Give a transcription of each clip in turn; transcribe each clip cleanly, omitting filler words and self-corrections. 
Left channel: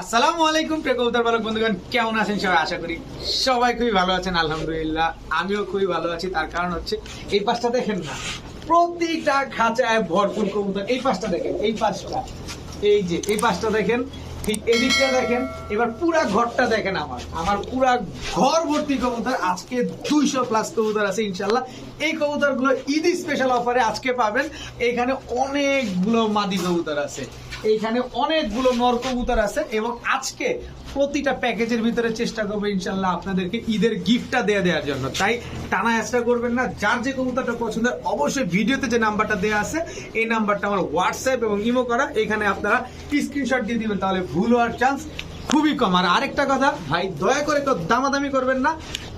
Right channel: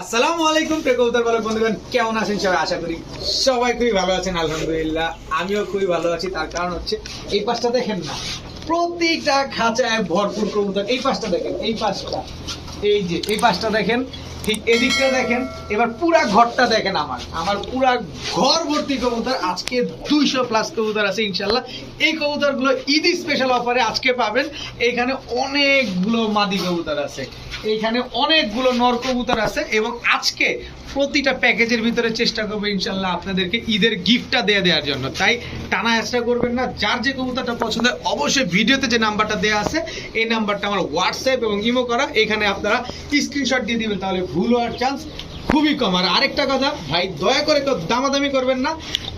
আসসালামু আলাইকুম কবুতর পালক বন্ধুগণ, কেমন আছেন সবাই? আশা করি সবাই খুবই ভালো আছেন। আলহামদুলিল্লাহ আমিও খুবই ভালো আছি। তার কারণ হচ্ছে এই পাশটা দেখেন না, প্রতিটা খাঁচায় ভরপুর কবুতর। এই পাশটা দেখেন, এই পাশটা, এই যে এই পাশটা দেখেন, ঠিক এদিকটা দেখেন, এবার পুরা ঘরটা দেখেন। আমার পুরা ঘর ভর্তি কবুতর। আজকে 200+ কবুতর আছে ইনশাল্লাহ। এই কবুতরগুলো ঈদ স্পেশাল অফারে আজকে পাবেন। এইখানে অনেকগুলো মাদি কবুতর আছে, এইখানে অনেকগুলো নর কবুতর আছে, এবং আজকে প্রতিটা প্যাকেজের ভিতরে চেষ্টা করবো ইনশাল্লাহ আপনাদেরকে ঈদের গিফটটা দেওয়ার জন্য। তাই টানা অ্যাসটা করবেন না। যার যে কবুতরটা পছন্দ হয় অবশ্যই ভিডিওতে যে নাম্বারটা দেওয়া আছে এই নাম্বারটা আমার হোয়াটসঅ্যাপ এবং ইমো করা, এখানে আপনারা স্ক্রিনশট দিয়ে দিবেন, তাহলে ভুল হওয়ার চান্স খুবই কম। আর আরেকটা কথা ভাই, দয়া করে কেউ দামাদামি করবেন না।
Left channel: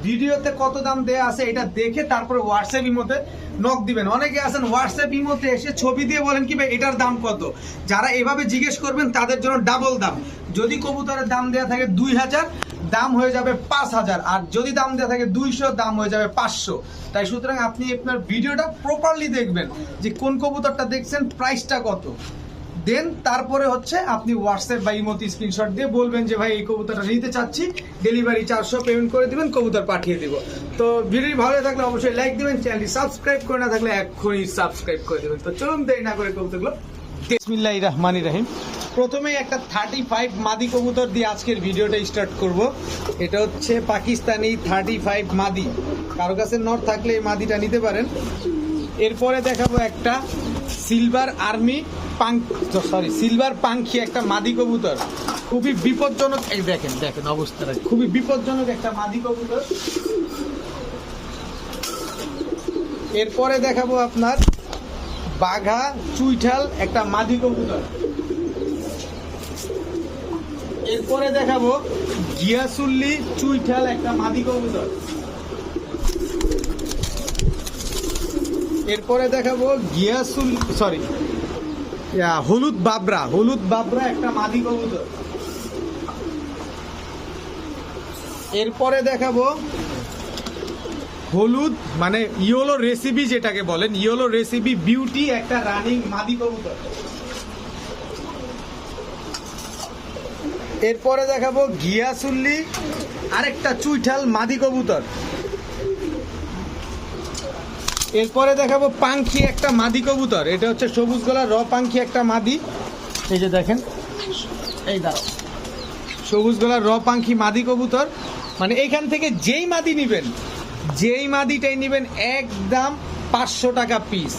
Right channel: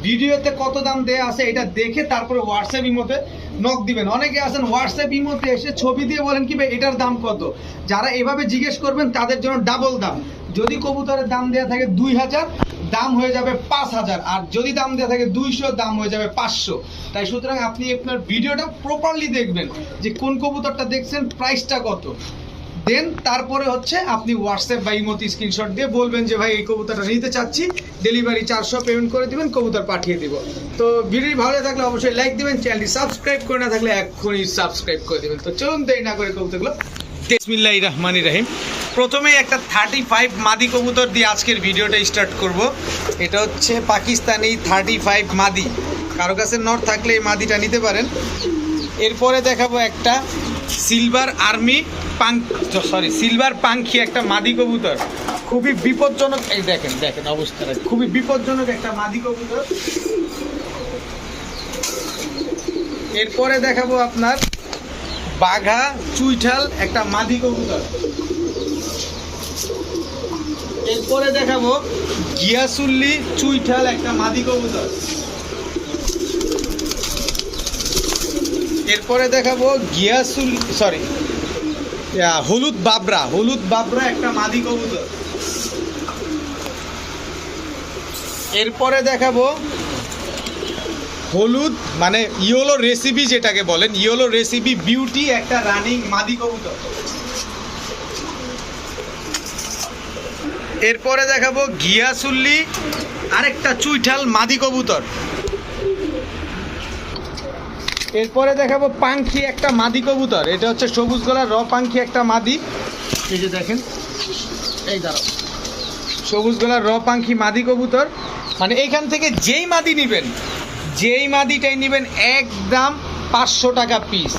ভিডিওতে কত দাম দেয়া আছে এটা দেখে তারপরে হোয়াটসঅ্যাপ ইমোতে নক দিবেন। অনেকে আছেন হোয়াটসঅ্যাপ ইমোতে এসে ছবি দিয়ে বলেন কি ভাই এটার দাম কত। যারা এভাবে জিজ্ঞেস করবেন তাদের জন্য ডাবল দাম। যদি কবুতরের দাম দেওয়া থাকে 2000, দাম হয়ে যাবে 5000, আর যদি দাম দেওয়া থাকে 200, দাম হয়ে যাবে 500। তাই সুতরাং আপনি আপনার ভিডিওটা প্রপারলি দেখবেন যে কোন কবুতরটা দেখছেন, প্রাইসটা কত, দেন তারপরে হচ্ছে আপনি হোয়াটসঅ্যাপ বা ইমোতে স্ক্রিনশট দিয়ে বলবেন যে ভাই এই কবুতরটা নিতে চাচ্ছি, ডেলিভারি 400 পেমেন্ট করে দিবেন, কবুতর পাঠিয়ে দিব। তো ভিডিও ভালো থাকলে অবশ্যই লাইক দিবেন, চ্যানেলটি সাবস্ক্রাইব করে না থাকলে এক্ষুনি সাবস্ক্রাইব করে দিবেন। তো চলুন দেরি না করে কবুতরগুলো। বিসমিল্লাহির রহমানির রহিম। প্রথমেই একটা 35 মাদি কবুতর দিয়ে আজকের ভিডিওটা স্টার্ট করব। এটা হচ্ছে পাকিস্তানি 35 মাদি। কারো কাছে নর থাকলে এই মাদিটা নিতে পারেন। এরপরে দেখাবো একটা সিলভার পাঙ্খি একটা মাদি কবুতর, খুবই বিপজ্জনক। এই দেখেন দেখেন অবস্থাটা, খুবই বিপজ্জনক একটা মাদি কবুতর। এরপরে দেখাবো আপনার বাঘা চুইঠাল একটা মাদি কবুতর। এরপরে দেখাবো গিয়াসুল্লি চুইঠাল একটা মাদি কবুতর। এরপরে দেখাবো হলুদ বাবরা একটা মাদি কবুতর। এরপরে দেখাবো হলুদ মানে ইয়েলো রেসিপি, যেটাকে বলেন ইয়েলো রেসিপি বিউটি একটা রানিং মাদি কবুতর। এরপরে দেখাবো গিয়াসুল্লি আরেকটা চুইঠাল মাদি কবুতর। এরপরে দেখাবো পাঙ্খি একটা মাদি কবুতর। এটা হচ্ছে সবুজ গলার পাঙ্খি একটা মাদি। এই যে দেখেন, এই দাঁড়াও, সবুজ গলার পাঙ্খি মাদি কবুতর। মানে এখান থেকে যেই মাদিটাই নেবেন একদম 500 টাকা পিস।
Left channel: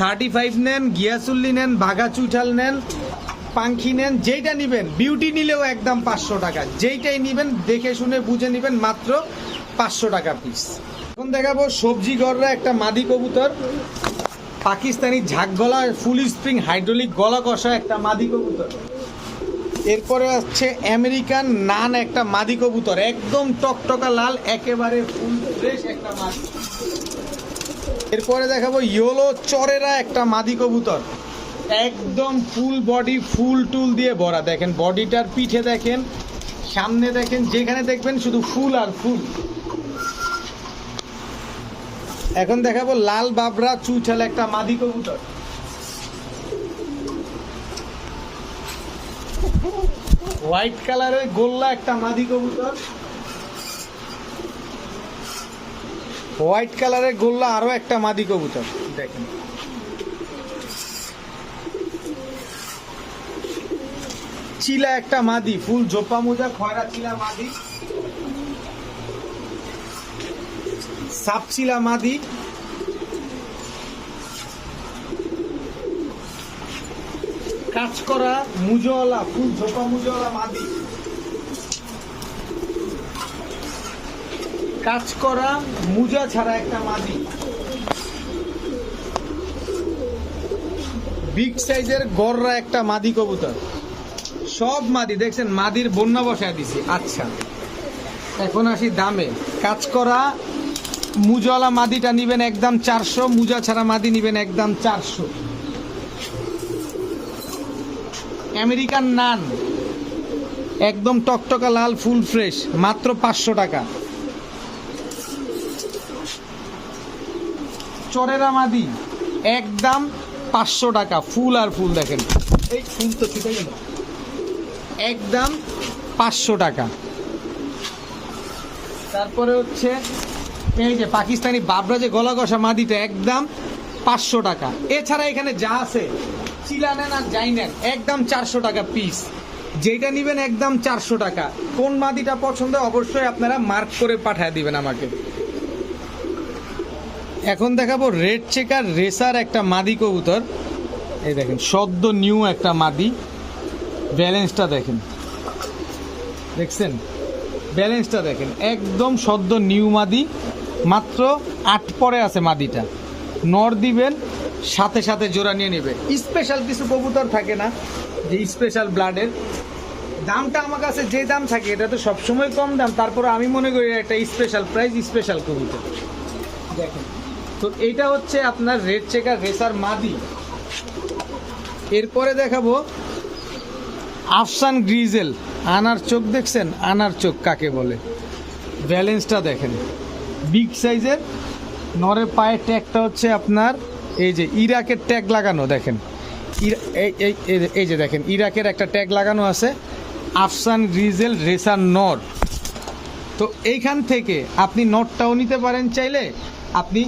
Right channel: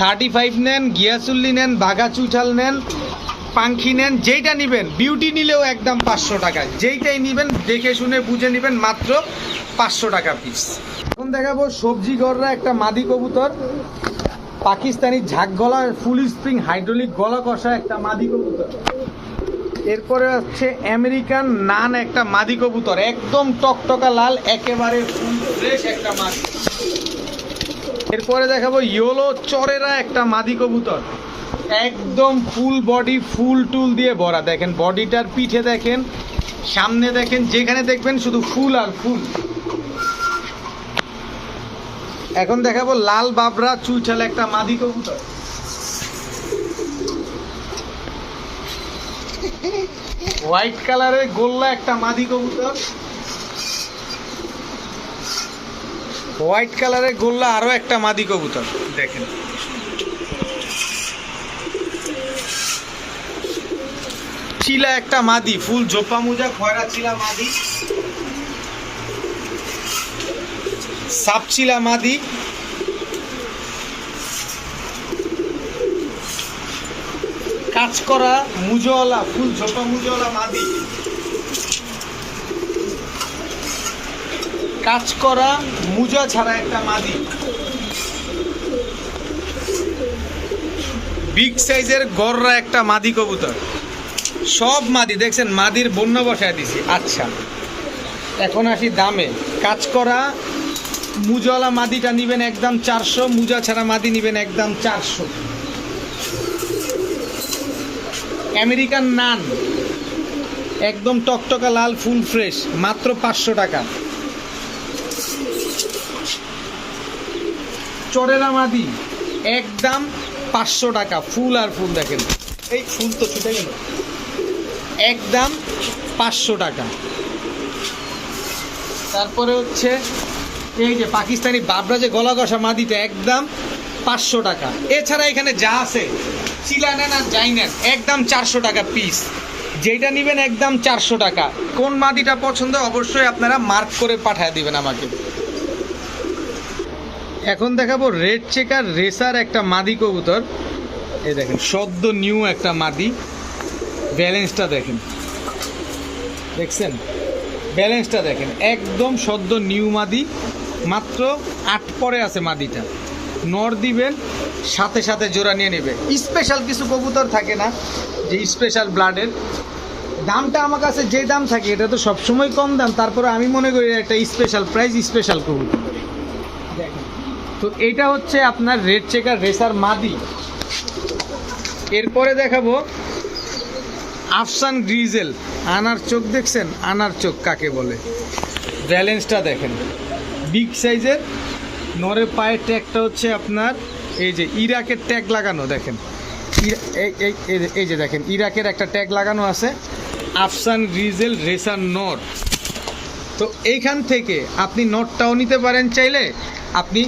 35 নেন, গিয়াসুল্লি নেন, বাঘা চুইঠাল নেন, পাঙ্খি নেন, যেইটা নেবেন, বিউটি নিলেও একদম 500 টাকা। যেইটাই নেবেন দেখে শুনে বুঝে নেবেন, মাত্র 500 টাকা পিস। এখন দেখাবো সবজি গররা একটা মাদি কবুতর, পাকিস্তানি ঝাঁক গলা ফুল স্প্রিং হাইড্রোলিক গলা কষা একটা মাদি কবুতর। এরপরে হচ্ছে আমেরিকান নান একটা মাদি কবুতর, একদম টকটকা লাল, একেবারে ফুল ফ্রেশ একটা মাদি। এরপরে দেখাবো ইয়েলো চরেরা একটা মাদি কবুতর, একদম ফুল বডি ফুল টুল দিয়ে ভরা। দেখেন বডিটার পিঠে দেখেন, সামনে দেখেন, যেখানে দেখবেন শুধু ফুল আর ফুল। এখন দেখাবো লাল বাবরা চুইঠাল একটা মাদি কবুতর। হোয়াইট কালারের গোল্লা একটা মাদি কবুতর। হোয়াইট কালারের গোল্লা আরো একটা মাদি কবুতর দেখেন। চিলা একটা মাদি, ফুল ঝোপা মোজা খয়রা চিলা মাদি। সাপচিলা মাদি। কাজ করা মুজওয়ালা ফুল ঝোপা মুজওয়ালা মাদি। কাজ করা মুজা ছাড়া একটা মাদি। বিগ সাইজের গররা একটা মাদি কবুতর। সব মাদি দেখছেন, মাদির বন্যা বসায় দিছি। আচ্ছা, এখন আসি দামে। কাজ করা মুজাওয়ালা মাদিটা নিবেন একদম 400, মুজা ছাড়া মাদি নিবেন একদম 400। আমেরিকান নান একদম টকটকা লাল ফুল ফ্রেশ, মাত্র 500 টাকা। চরেরা মাদি একদম 500 টাকা, ফুল আর ফুল দেখেন। এই ফুল তো ছুটে গেল। একদম 500 টাকা। তারপরে হচ্ছে এই যে পাকিস্তানি বাবরা যে গলা কষা মাদিটা একদম 500 টাকা। এছাড়া এখানে যা আছে চিলা নেন আর যাই নেন একদম 400 টাকা পিস। যেটা নেবেন একদম 400 টাকা। কোন মাদিটা পছন্দ অবশ্যই আপনারা মার্ক করে পাঠিয়ে দিবেন আমাকে। এখন দেখাবো রেড চেকার রেসার একটা মাদি কবুতর। এই দেখেন সদ্য নিউ একটা মাদি, ব্যালেন্সটা দেখেন, দেখছেন ব্যালেন্সটা দেখেন, একদম সদ্য নিউ মাদি, মাত্র 8 পরে আছে মাদিটা। নর দিবেন সাথে সাথে জোড়া নিয়ে নেবে। স্পেশাল কিছু কবুতর থাকে না যে স্পেশাল ব্লাডের, দামটা আমার কাছে যে দাম থাকে এটা তো সবসময় কম দাম, তারপরে আমি মনে করি একটা স্পেশাল প্রাইস, স্পেশাল কবুতর। দেখেন তো এইটা হচ্ছে আপনার রেড চেকার রেসার মাদি। এরপরে দেখাবো আফসান গ্রিজেল। আনার চোখ দেখছেন, আনার চোখ কাকে বলে, ব্যালেন্সটা দেখেন, বিগ সাইজের। নরের পায়ের ট্যাগটা হচ্ছে আপনার এই যে ইরাকের ট্যাগ লাগানো, দেখেন এই যে দেখেন ইরাকের একটা ট্যাগ লাগানো আছে, আফসান গ্রিজেল রেসার নর। তো এইখান থেকে আপনি নটটাও নিতে পারেন চাইলে, আপনি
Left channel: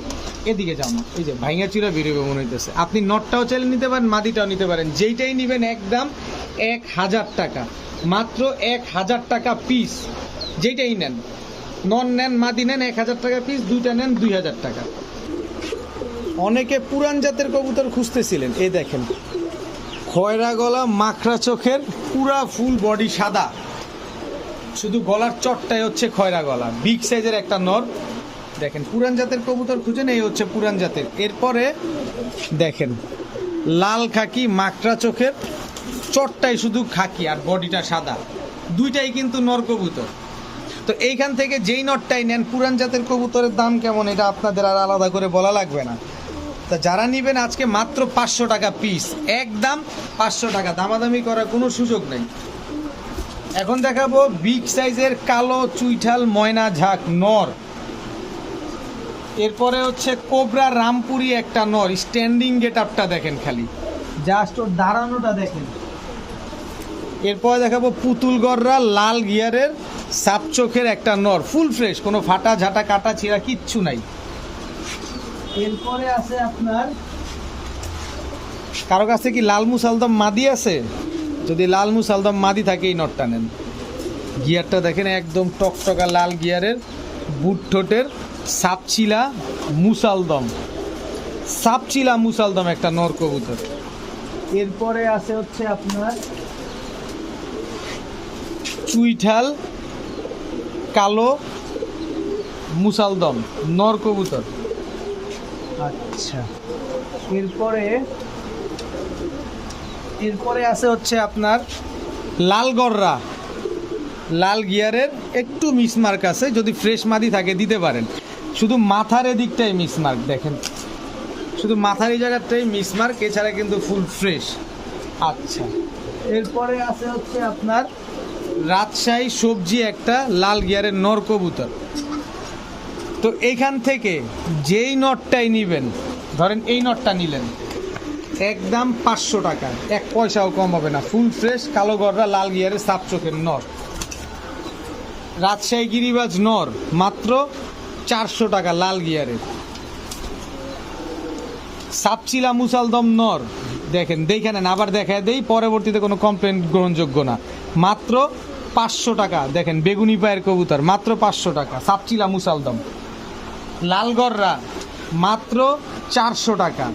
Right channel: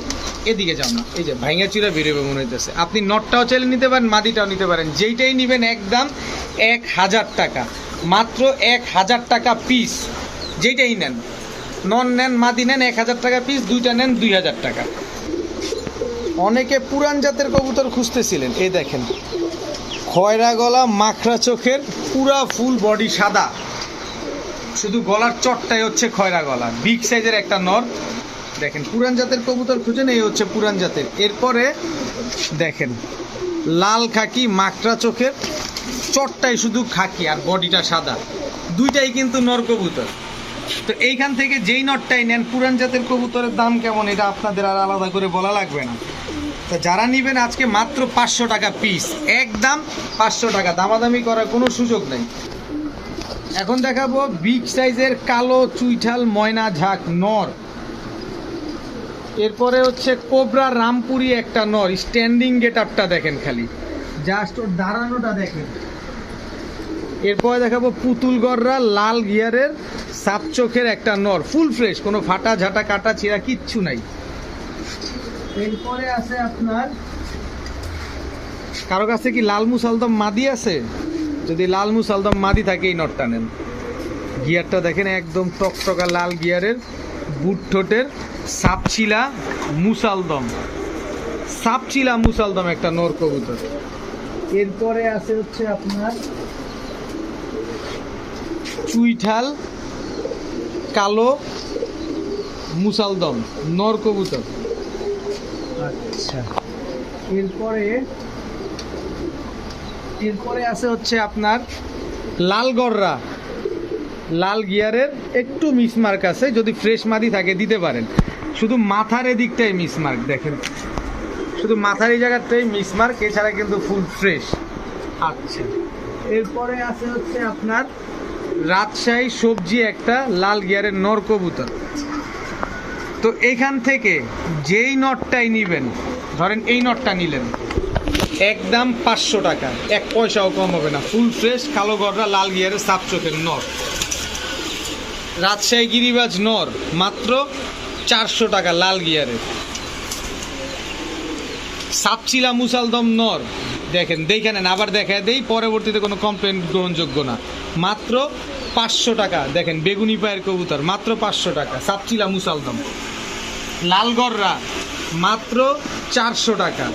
এদিকে যান, এই যে ভাইঙ্গা চুরা বেরোবে মনে হইতেছে, আপনি নটটাও চাইলে নিতে পারেন, মাদিটাও নিতে পারেন, যেইটাই নেবেন একদম 1000 টাকা, মাত্র 1000 টাকা পিস। যেইটাই নেন, নন নেন মাদি নেন 1000 টাকা পিস, দুইটা নেন 2000 টাকা। অনেকে পুরান জাতের কবুতর খুঁজতেছিলেন, এই দেখেন খয়রা গলা মাখরা চোখের, পুরা ফুল বডি সাদা, শুধু গলার চটটাই হচ্ছে খয়রা গলা, বিগ সাইজের একটা নর। দেখেন পুরান জাতের কবুতর খুঁজেন, এই হচ্ছে পুরান জাতের। এরপরে দেখেন লাল খাকি মাকড়া চোখের, চটটাই শুধু খাকি আর বডিটা সাদা, দুইটাই কিন্তু নর কবুতর। তো এইখান থেকে যেই নটটাই নেন, পুরান জাতের কবুতরের দাম কেমন এটা আপনাদের আর আলাদা করে বলা লাগবে না। তা যারা নেবেন আজকে মাত্র 500 টাকা পিস, একদম 500 টাকা, দামাদামি করার কোনো সুযোগ নেই। এখন দেখাবো বিগ সাইজের কালো চুইঠাল ময়না ঝাঁক নর। এরপরে হচ্ছে কোবরা রামপুরি একটা নর, স্ট্যান্ডিং গেট আপটা দেখেন, খালি জাস্ট ওর দাঁড়ানোটা দেখেন। এরপরে দেখাবো পুতুল গররা লাল গিয়ারের সাপ চোখের একটা নর, ফুল ফ্রেশ, কোনো ফাটা ঝাঁটা কাটা ছিঁড়া কিচ্ছু নাই। এরপরে আছে আপনার, কারো কাছে কি লাল মুসালদম মাদি আছে? যদি লাল মুসালদম মাদি থাকে এই নটটা নেন। গিয়ারটা দেখেন একদম টকটকা লাল গিয়ারের, বুট ঠোঁটের, সাপচিলা মুসালদম, সাপচিলা মুসালদম একটা নর কবুতর। এরপরে আছে হচ্ছে আপনার চুইঠাল কালো মুসালদম নর কবুতর। আচ্ছা, এরপরে আছে হচ্ছে আপনার লাল গররা, লাল গিয়ারের, একটু মিসমার্ক আছে, যদি ফ্রেশ মাদি থাকে দিতে পারেন। শুধু মাথার এদিকটাই মিসমার্ক, দেখেন শুধু মাথার এই জায়গাটাই মিসমার্ক, এছাড়া কিন্তু ফুল ফ্রেশ। আচ্ছা, এরপরে আছে হচ্ছে আপনার রাজশাহী সবজি একটা লাল গিয়ারের নর কবুতর। তো এইখান থেকে যেই নটটাই নিবেন, ধরেন এই নটটা নিলেন, একদম 500 টাকা, 1 পয়সাও কম হবে না, ফুল ফ্রেশ কালো গররা লাল গিয়ারের সাপ চোখের নর। রাজশাহী গিরিবাজ নর মাত্র 400 টাকা লাল গিয়ারের। সাপচিলা মুসালদম নর দেখেন, দেখে নেন, আবার দেখা দেই, পরবর্তীতে কোনো কমপ্লেন গ্রহণযোগ্য না। মাত্র 500 টাকা, দেখেন বেগুনি পায়ের কবুতর, মাত্র 500 টাকা, সাপচিলা মুসালদম। লাল গররা মাত্র 400 টাকা।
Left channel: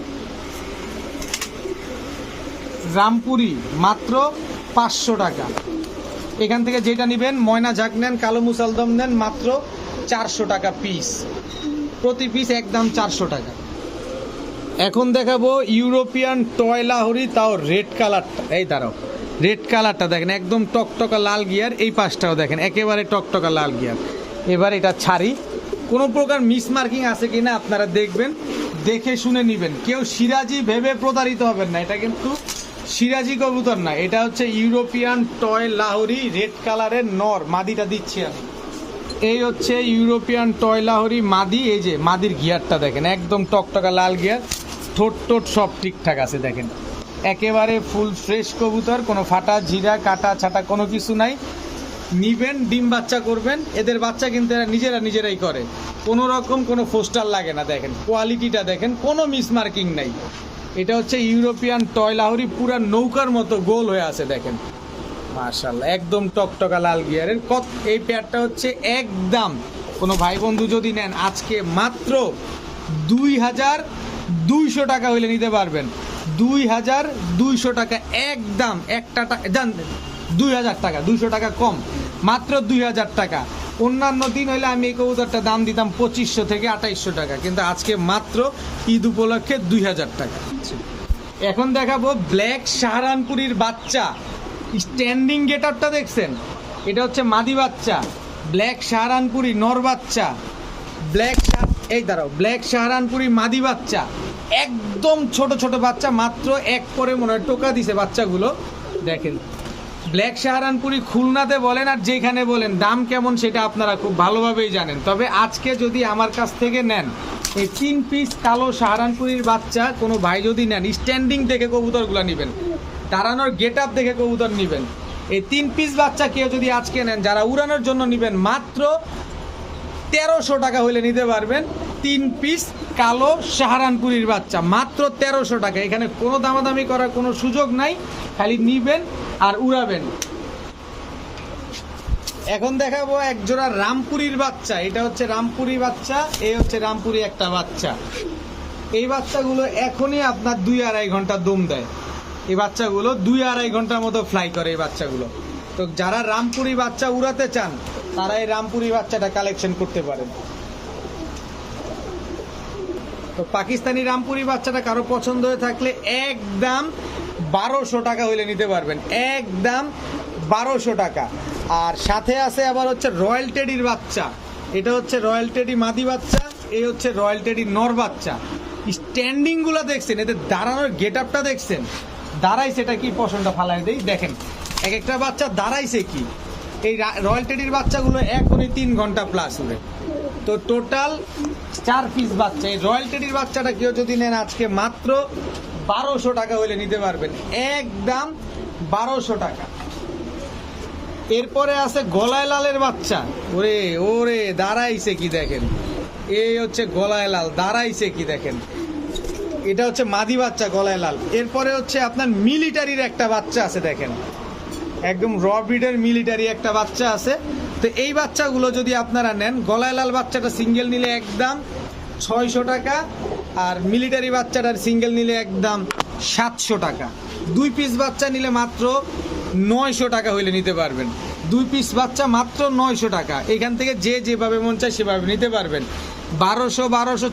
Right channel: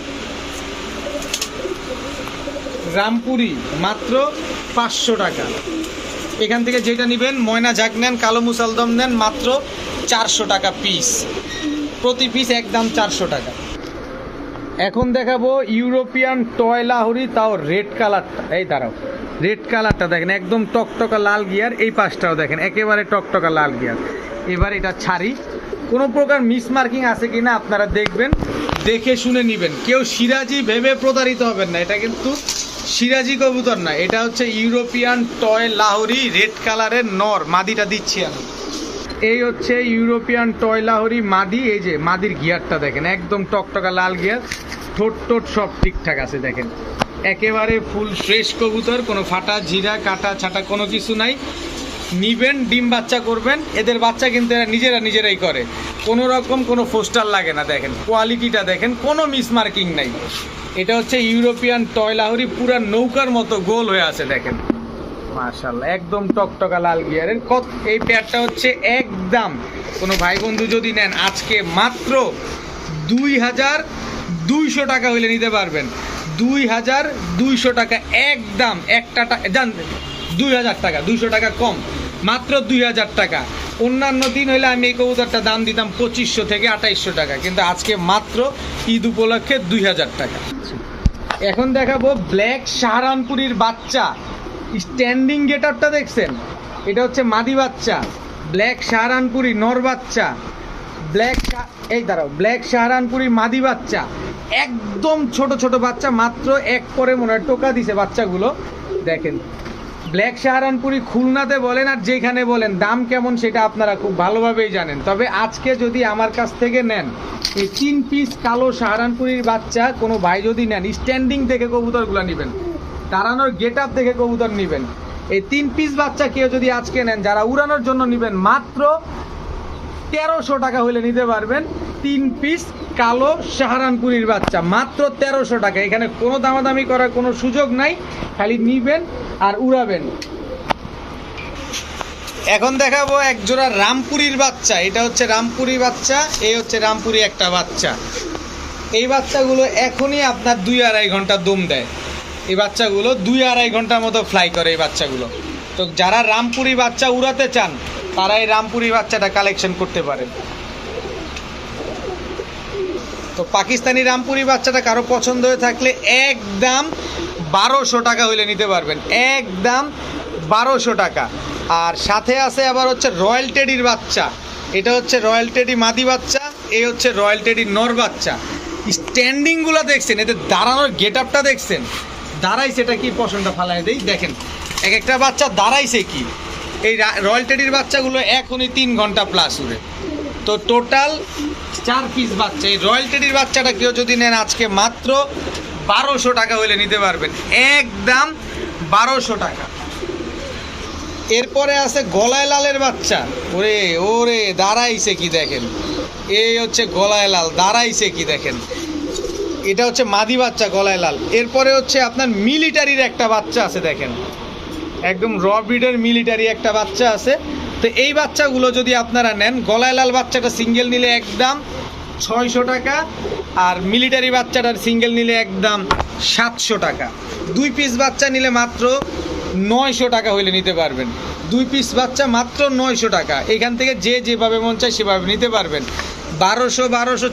রামপুরি মাত্র 500 টাকা। এখান থেকে যেটা নেবেন, ময়না ঝাঁক নেন, কালো মুসালদম নেন, মাত্র 400 টাকা পিস, প্রতি পিস একদম 400 টাকা। এখন দেখাবো ইউরোপিয়ান টয় লাহোরি, তাও রেড কালারটা, এই দাঁড়াও, রেড কালারটা দেখেন একদম টকটকা লাল গিয়ার, এই পাশটাও দেখেন একেবারে টকটকা লাল গিয়ার। এবার এটা ছাড়ি, কোনো প্রকার মিসমার্কিং আছে কিনা আপনারা দেখবেন, দেখে শুনে নেবেন। কেউ সিরাজি ভেবে প্রতারিত হবেন না, এটা কিন্তু সিরাজি কবুতর না, এটা হচ্ছে ইউরোপিয়ান টয় লাহোরি রেড কালারের নর। মাদিটা দিচ্ছি আমি, এই হচ্ছে ইউরোপিয়ান টয় লাহোরি মাদি। এই যে মাদির গিয়ারটা দেখেন একদম টকটকা লাল গিয়ার, ঠোঁট টোট সব ঠিকঠাক আছে, দেখেন একেবারে ফুল ফ্রেশ কবুতর, কোনো ফাটা ঝিরা কাটা ছাটা কোনো কিছু নাই। নিবেন, ডিম বাচ্চা করবেন। এদের বাচ্চা কিন্তু এরা নিজেরাই করে, কোনো রকম কোনো ফোস্টার লাগে না। দেখেন কোয়ালিটিটা দেখেন, কোনো মিসমার্কিং নাই। এটা হচ্ছে ইউরোপিয়ান টয় লাহোরি, পুরো নৌকার মতো গোল হয়ে আছে দেখেন, মাশাআল্লাহ একদম টকটকা লাল গিয়ারের। এই পেয়ারটা হচ্ছে একদম, কোনো ভাই বন্ধু যদি নেন আজকে মাত্র 2200 টাকা হইলে নিতে পারবেন। 2200 টাকা একদম, একটা 2000 টাকা, 200 টাকা কম, মাত্র 2000 টাকা। অন্যান্য দিন হইলে আমি এই কবুতরটা দাম দিতাম 2500 থেকে 2800 টাকা, কিন্তু আজকে মাত্র ঈদ উপলক্ষে 2000 টাকা। এখন দেখাবো ব্ল্যাক সাহারানপুরীর বাচ্চা, স্ট্যান্ডিং গেটআপটা দেখছেন? এটা হচ্ছে মাদি বাচ্চা, ব্ল্যাক সাহারানপুরি নর বাচ্চা, ব্ল্যাক সাহারানপুরি মাদি বাচ্চা, একদম ছোট ছোট বাচ্চা, মাত্র এক করে মনে হয় টোকা দিছে বাচ্চাগুলো দেখেন। ব্ল্যাক সাহারানপুরি খুলনাতে বলেন আর যেখানে বলেন, দাম কেমন সেটা আপনারা খুব ভালোভাবেই জানেন। তবে আজকে যদি আমার কাছ থেকে নেন এই 3 পিস কালো সাহারানপুরির বাচ্চা, কোনো ভাই যদি নেন, স্ট্যান্ডিং দেখে কবুতরগুলো নেবেন, দাঁড়ানোর গেট আপ দেখে কবুতর নেবেন। এই 3 পিস বাচ্চা কেউ যদি আজকে নেন, যারা উড়ানোর জন্য নেবেন, মাত্র 1300 টাকা হলে নিতে পারবেন। 3 পিস কালো সাহারানপুরীর বাচ্চা মাত্র 1300 টাকা। এখানে কোনো দামাদামি করার কোনো সুযোগ নাই, খালি নিবেন আর উড়াবেন। এখন দেখাবো এক জোড়া রামপুরীর বাচ্চা। এটা হচ্ছে রামপুরি বাচ্চা, এই হচ্ছে রামপুরি একটা বাচ্চা। এই বাচ্চাগুলো এখনই আপনার 2-2.5 ঘন্টা দম দেয়। এই বাচ্চাগুলো 2-2.5 ঘন্টার মতো ফ্লাই করে এই বাচ্চাগুলো। তো যারা রামপুরি বাচ্চা উড়াতে চান, তারা এই রামপুরি বাচ্চাটা কালেকশন করতে পারেন। তো পাকিস্তানি রামপুরি বাচ্চাটা কারো পছন্দ হয়ে থাকলে একদম 1200 টাকা হইলে নিতে পারবেন, একদম 1200 টাকা। আর সাথে আছে আবার হচ্ছে রয়্যাল টেডির বাচ্চা। এটা হচ্ছে রয়্যাল টেডি মাদি বাচ্চা, এই হচ্ছে রয়্যাল টেডি নর বাচ্চা। স্ট্যান্ডিংগুলো দেখছেন, এতে দাঁড়ানোর গেট আপটা দেখছেন, দাঁড়াইছে, এটা কি পছন্দটা ফালাই দেই দেখেন, এক একটা বাচ্চা দাঁড়াইছে কি। এই রয়্যাল টেডির বাচ্চাগুলো এখনই 3 ঘন্টা প্লাস উড়ে। তো টোটাল 4 পিস বাচ্চা। এই রয়্যাল টেডির বাচ্চাটা কেউ যদি নেন আজকে মাত্র 1200 টাকা হলে নিতে পারবেন, একদম 1200 টাকা। এরপরে আছে গলায় লালের বাচ্চা। ওরে ওরে দাঁড়াইছে কি দেখেন, এই হচ্ছে গলায় লাল, দাঁড়াইছে কি দেখেন। এটা হচ্ছে মাদি বাচ্চা গলায় লাল। এরপরে হচ্ছে আপনার মিলিটারির একটা বাচ্চা আছে দেখেন, একদম র ব্রিডের মিলিটারি একটা বাচ্চা আছে। তো এই বাচ্চাগুলো যদি আপনারা নেন, গলায় লাল বাচ্চাটা সিঙ্গেল নিলে একদম 600 টাকা, আর মিলিটারি বাচ্চাটার সিঙ্গেল নিলে একদম 700 টাকা। 2 পিস বাচ্চা নিলে মাত্র 900 টাকা হইলে নিতে পারবেন। 2 পিস বাচ্চা মাত্র 900 টাকা। এখান থেকে যে যেভাবে মন চায় সেভাবে নিতে পারবেন। 1200,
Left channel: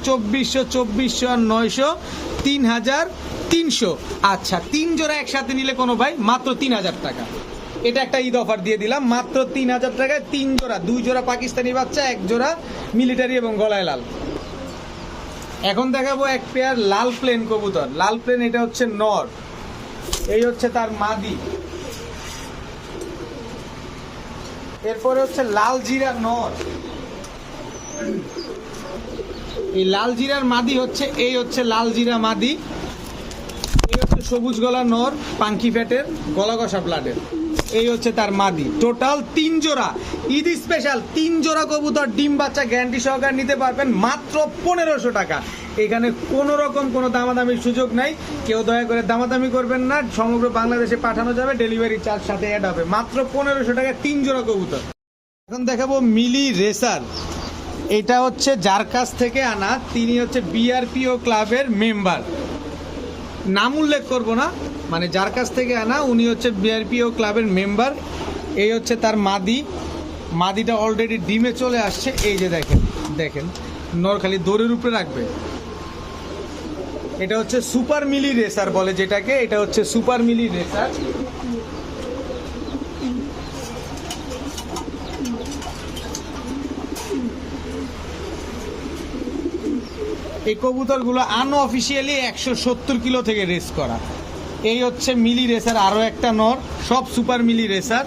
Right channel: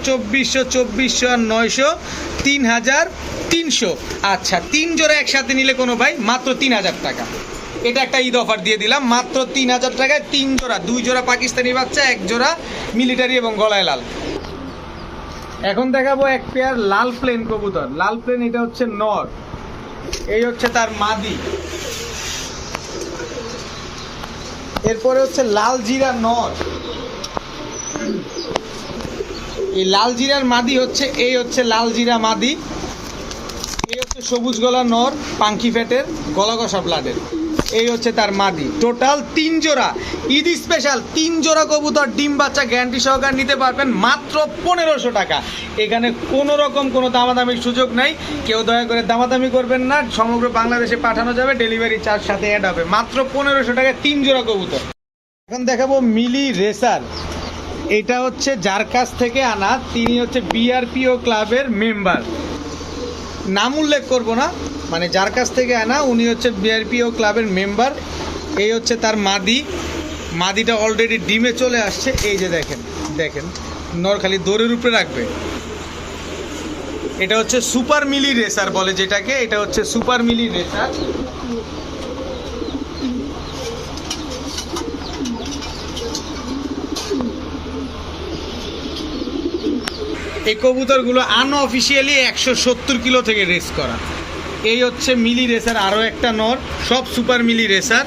2400, 2400 আর 900, 3300। আচ্ছা, 3 জোড়া একসাথে নিলে কোনো ভাই মাত্র 3000 টাকা। এটা একটা ঈদ অফার দিয়ে দিলাম, মাত্র 3000 টাকায় 3 জোড়া, 2 জোড়া পাকিস্তানি বাচ্চা, 1 জোড়া মিলিটারি এবং গলায় লাল। এখন দেখাবো এক পেয়ার লাল প্লেন কবুতর। লাল প্লেন, এটা হচ্ছে নর, এই হচ্ছে তার মাদি। এরপরে হচ্ছে লাল জিরা নর। এই লাল জিরার মাদি হচ্ছে, এই হচ্ছে লাল জিরা মাদি। এই হচ্ছে সবুজ গলা নর, পাঙ্কি ফ্যাটের, গলা কষা ব্লাডের। এই হচ্ছে তার মাদি। টোটাল 3 জোড়া, ঈদ স্পেশাল 3 জোড়া কবুতর ডিম বাচ্চা গ্যারান্টি সহকারে নিতে পারবেন মাত্র 1500 টাকা। এখানে কোনো রকম কোনো দামাদামির সুযোগ নাই, কেউ দয়া করে দামাদামি করবেন না। সমগ্র বাংলাদেশে পাঠানো যাবে, ডেলিভারি চার্জ সাথে অ্যাড হবে। মাত্র 1500 টাকায় 3 জোড়া কবুতর। এখন দেখাবো মিলি রেসার। এটা হচ্ছে যার কাছ থেকে আনা, তিনি হচ্ছে বিআরপিও ক্লাবের মেম্বার। নাম উল্লেখ করবো না, মানে যার কাছ থেকে আনা উনি হচ্ছে বিআরপিও ক্লাবের মেম্বার। এই হচ্ছে তার মাদি। মাদিটা অলরেডি ডিমে চলে আসছে, এই যে দেখেন দেখেন, নর খালি দৌড়ের উপরে রাখবে। এটা হচ্ছে সুপার মিলি রেসার বলে যেটাকে, এটা হচ্ছে সুপার মিলি রেসার। এই কবুতরগুলো আনঅফিসিয়ালি 170 কিলো থেকে রেস করা। এই হচ্ছে মিলি রেসার, আরও একটা নর, সব সুপার মিলি রেসার।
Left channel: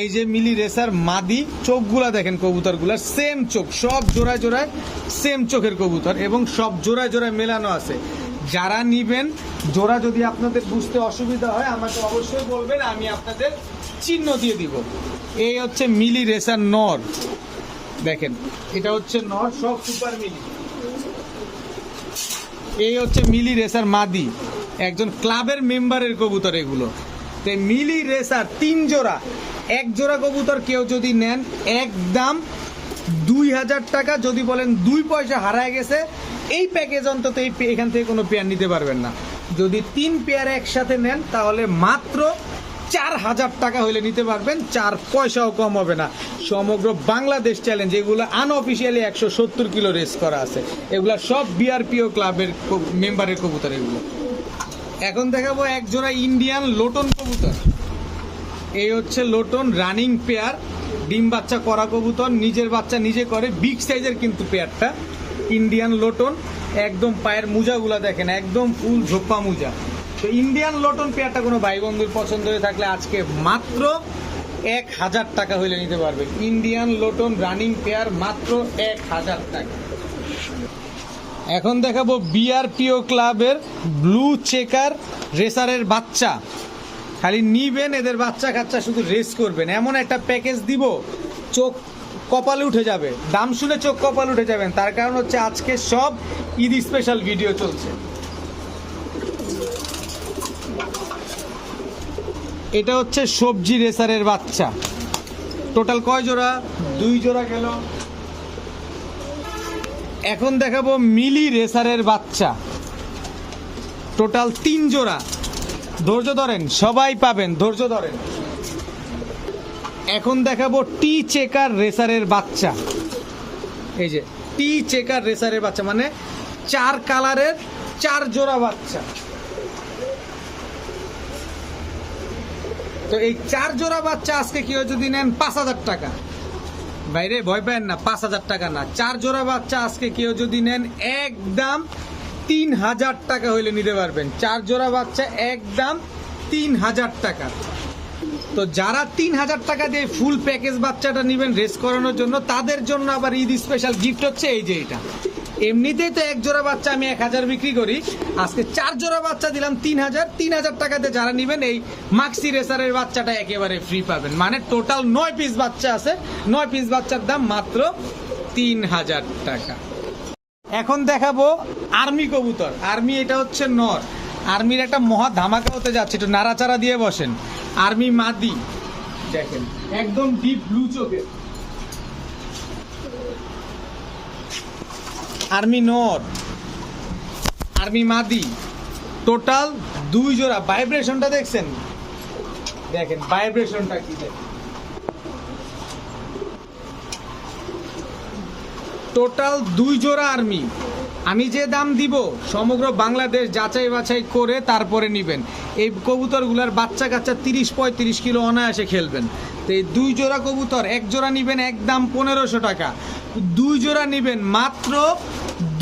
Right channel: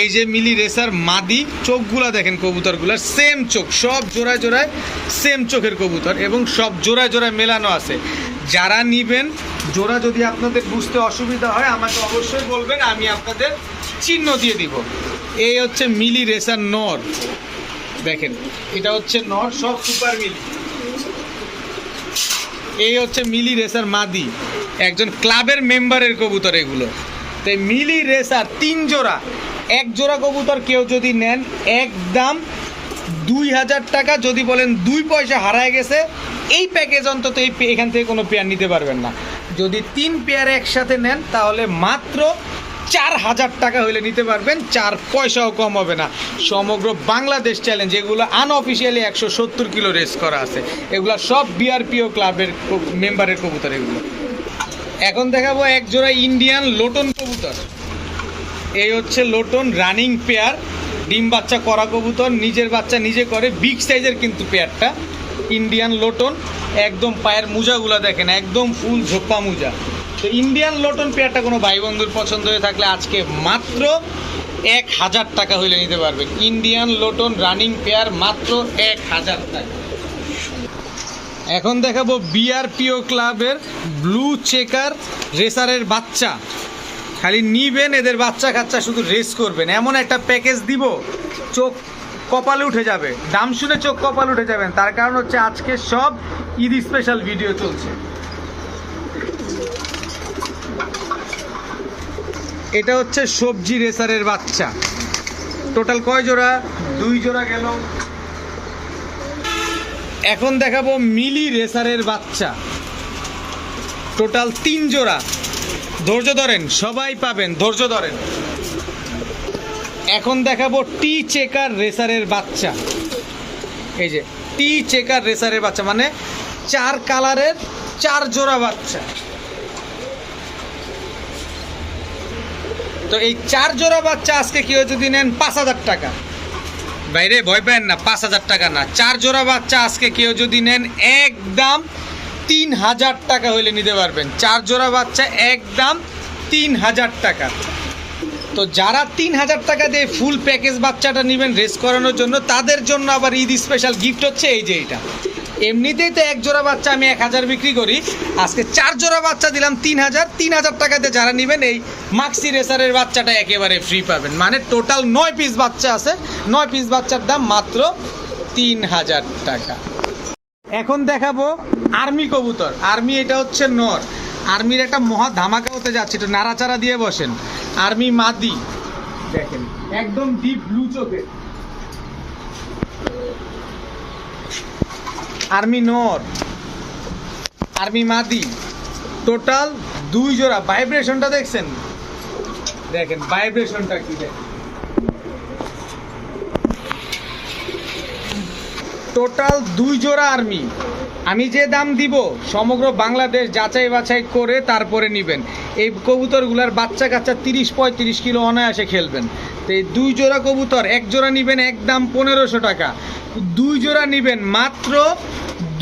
এই যে মিলি রেসার মাদি, চোখগুলা দেখেন কবুতরগুলার, সেম চোখ, সব জোড়ায় জোড়ায় সেম চোখের কবুতর, এবং সব জোড়ায় জোড়ায় মেলানো আছে। যারা নিবেন জোড়া যদি আপনাদের বুঝতে অসুবিধা হয় আমাকে অবশ্যই বলবেন, আমি আপনাদের চিহ্ন দিয়ে দিব। এই হচ্ছে মিলি রেসার নর, দেখেন এটা হচ্ছে নর, সব সুপার মিলি। এই হচ্ছে মিলি রেসার মাদি, একজন ক্লাবের মেম্বারের কবুতর এগুলো। তাই মিলি রেসার 3 জোড়া, 1 জোড়া কবুতর কেউ যদি নেন একদম 2000 টাকা। যদি বলেন 2 পয়সা হারায় গেছে, এই প্যাকেজ অন্তত এখান থেকে কোনো পেয়ার নিতে পারবেন না। যদি 3 পেয়ার একসাথে নেন তাহলে মাত্র 4000 টাকা হলে নিতে পারবেন, 4 পয়সাও কম হবে না। সমগ্র বাংলাদেশ চ্যালেঞ্জ, এগুলো আনঅফিসিয়ালি 170 কিলো রেস করা আছে, এগুলো সব বিআরপিও ক্লাবের মেম্বারের কবুতর এগুলো। এখন দেখাবো 1 জোড়া ইন্ডিয়ান লোটন কবুতর। এই হচ্ছে লোটন রানিং পেয়ার, ডিম বাচ্চা করা কবুতর, নিজের বাচ্চা নিজে করে, বিগ সাইজের কিন্তু পেয়ারটা। ইন্ডিয়ান লোটন, একদম পায়ের মোজাগুলো দেখেন একদম ফুল ঝোপ্পা মোজা। তো ইন্ডিয়ান লোটন পেয়ারটা কোনো ভাই বন্ধুর পছন্দ হয়ে থাকলে আজকে মাত্র 1000 টাকা হইলে নিতে পারবেন। ইন্ডিয়ান লোটন রানিং পেয়ার মাত্র 1000 টাকা। এখন দেখাবো বিআরপিও ক্লাবের ব্লু চেকার রেসারের বাচ্চা। খালি নিবেন, এদের বাচ্চা কাচ্চা শুধু রেস করবেন, এমন একটা প্যাকেজ দিব চোখ কপালে উঠে যাবে। দাম শুনে চোখ কপালে উঠে যাবেন, তার কারণ হচ্ছে আজকে সব ঈদ স্পেশাল ভিডিও চলছে। এটা হচ্ছে সবজি রেসারের বাচ্চা। টোটাল কয় জোড়া? 2 জোড়া গেল। এখন দেখাবো মিলি রেসারের বাচ্চা, টোটাল 3 জোড়া। ধৈর্য ধরেন, সবাই পাবেন, ধৈর্য ধরেন। এখন দেখাবো টি চেকার রেসারের বাচ্চা। এই যে টি চেকার রেসারের বাচ্চা, মানে 4 কালারের 4 জোড়া বাচ্চা। তো এই 4 জোড়া বাচ্চা আজকে কেউ যদি নেন 5000 টাকা, বাইরে ভয় পাবেন না, 5000 টাকা না, 4 জোড়া বাচ্চা আজকে কেউ যদি নেন একদম 3000 টাকা হইলে নিতে পারবেন। 4 জোড়া বাচ্চা একদম 3000 টাকা। তো যারা 3000 টাকা দিয়ে ফুল প্যাকেজ বাচ্চাটা নেবেন রেস করানোর জন্য, তাদের জন্য আবার ঈদ স্পেশাল গিফট হচ্ছে এই যে এটা। এমনিতেই তো 1 জোড়া বাচ্চা আমি 1000 বিক্রি করি, আজকে 4 জোড়া বাচ্চা দিলাম 3000 টাকা দিয়ে যারা নেবেন এই মাক্সি রেসারের বাচ্চাটা একেবারে ফ্রি পাবেন। মানে টোটাল 9 পিস বাচ্চা আছে, 9 পিস বাচ্চার দাম মাত্র 3000 টাকা। এখন দেখাবো আর্মি কবুতর। আর্মি, এটা হচ্ছে নর। আর্মির একটা মহা ধামাকা হতে যাচ্ছে, একটু নাড়াচাড়া দিয়ে বসেন। আর্মি মাদি দেখেন একদম ডিপ ব্লু চোখে। আর্মি নর, আর্মি মাদি, টোটাল 2 জোড়া। ভাইব্রেশনটা দেখছেন, দেখেন ভাইব্রেশনটা কি, দেখেন টোটাল 2 জোড়া আর্মি। আমি যে দাম দিব সমগ্র বাংলাদেশ যাচাই বাছাই করে তারপরে নেবেন। এই কবুতরগুলোর বাচ্চা কাচ্চা 30-35 কিলো অনায়াসে খেলবেন। তো এই 2 জোড়া কবুতর, 1 জোড়া নেবেন একদম 1500 টাকা, 2 জোড়া নেবেন মাত্র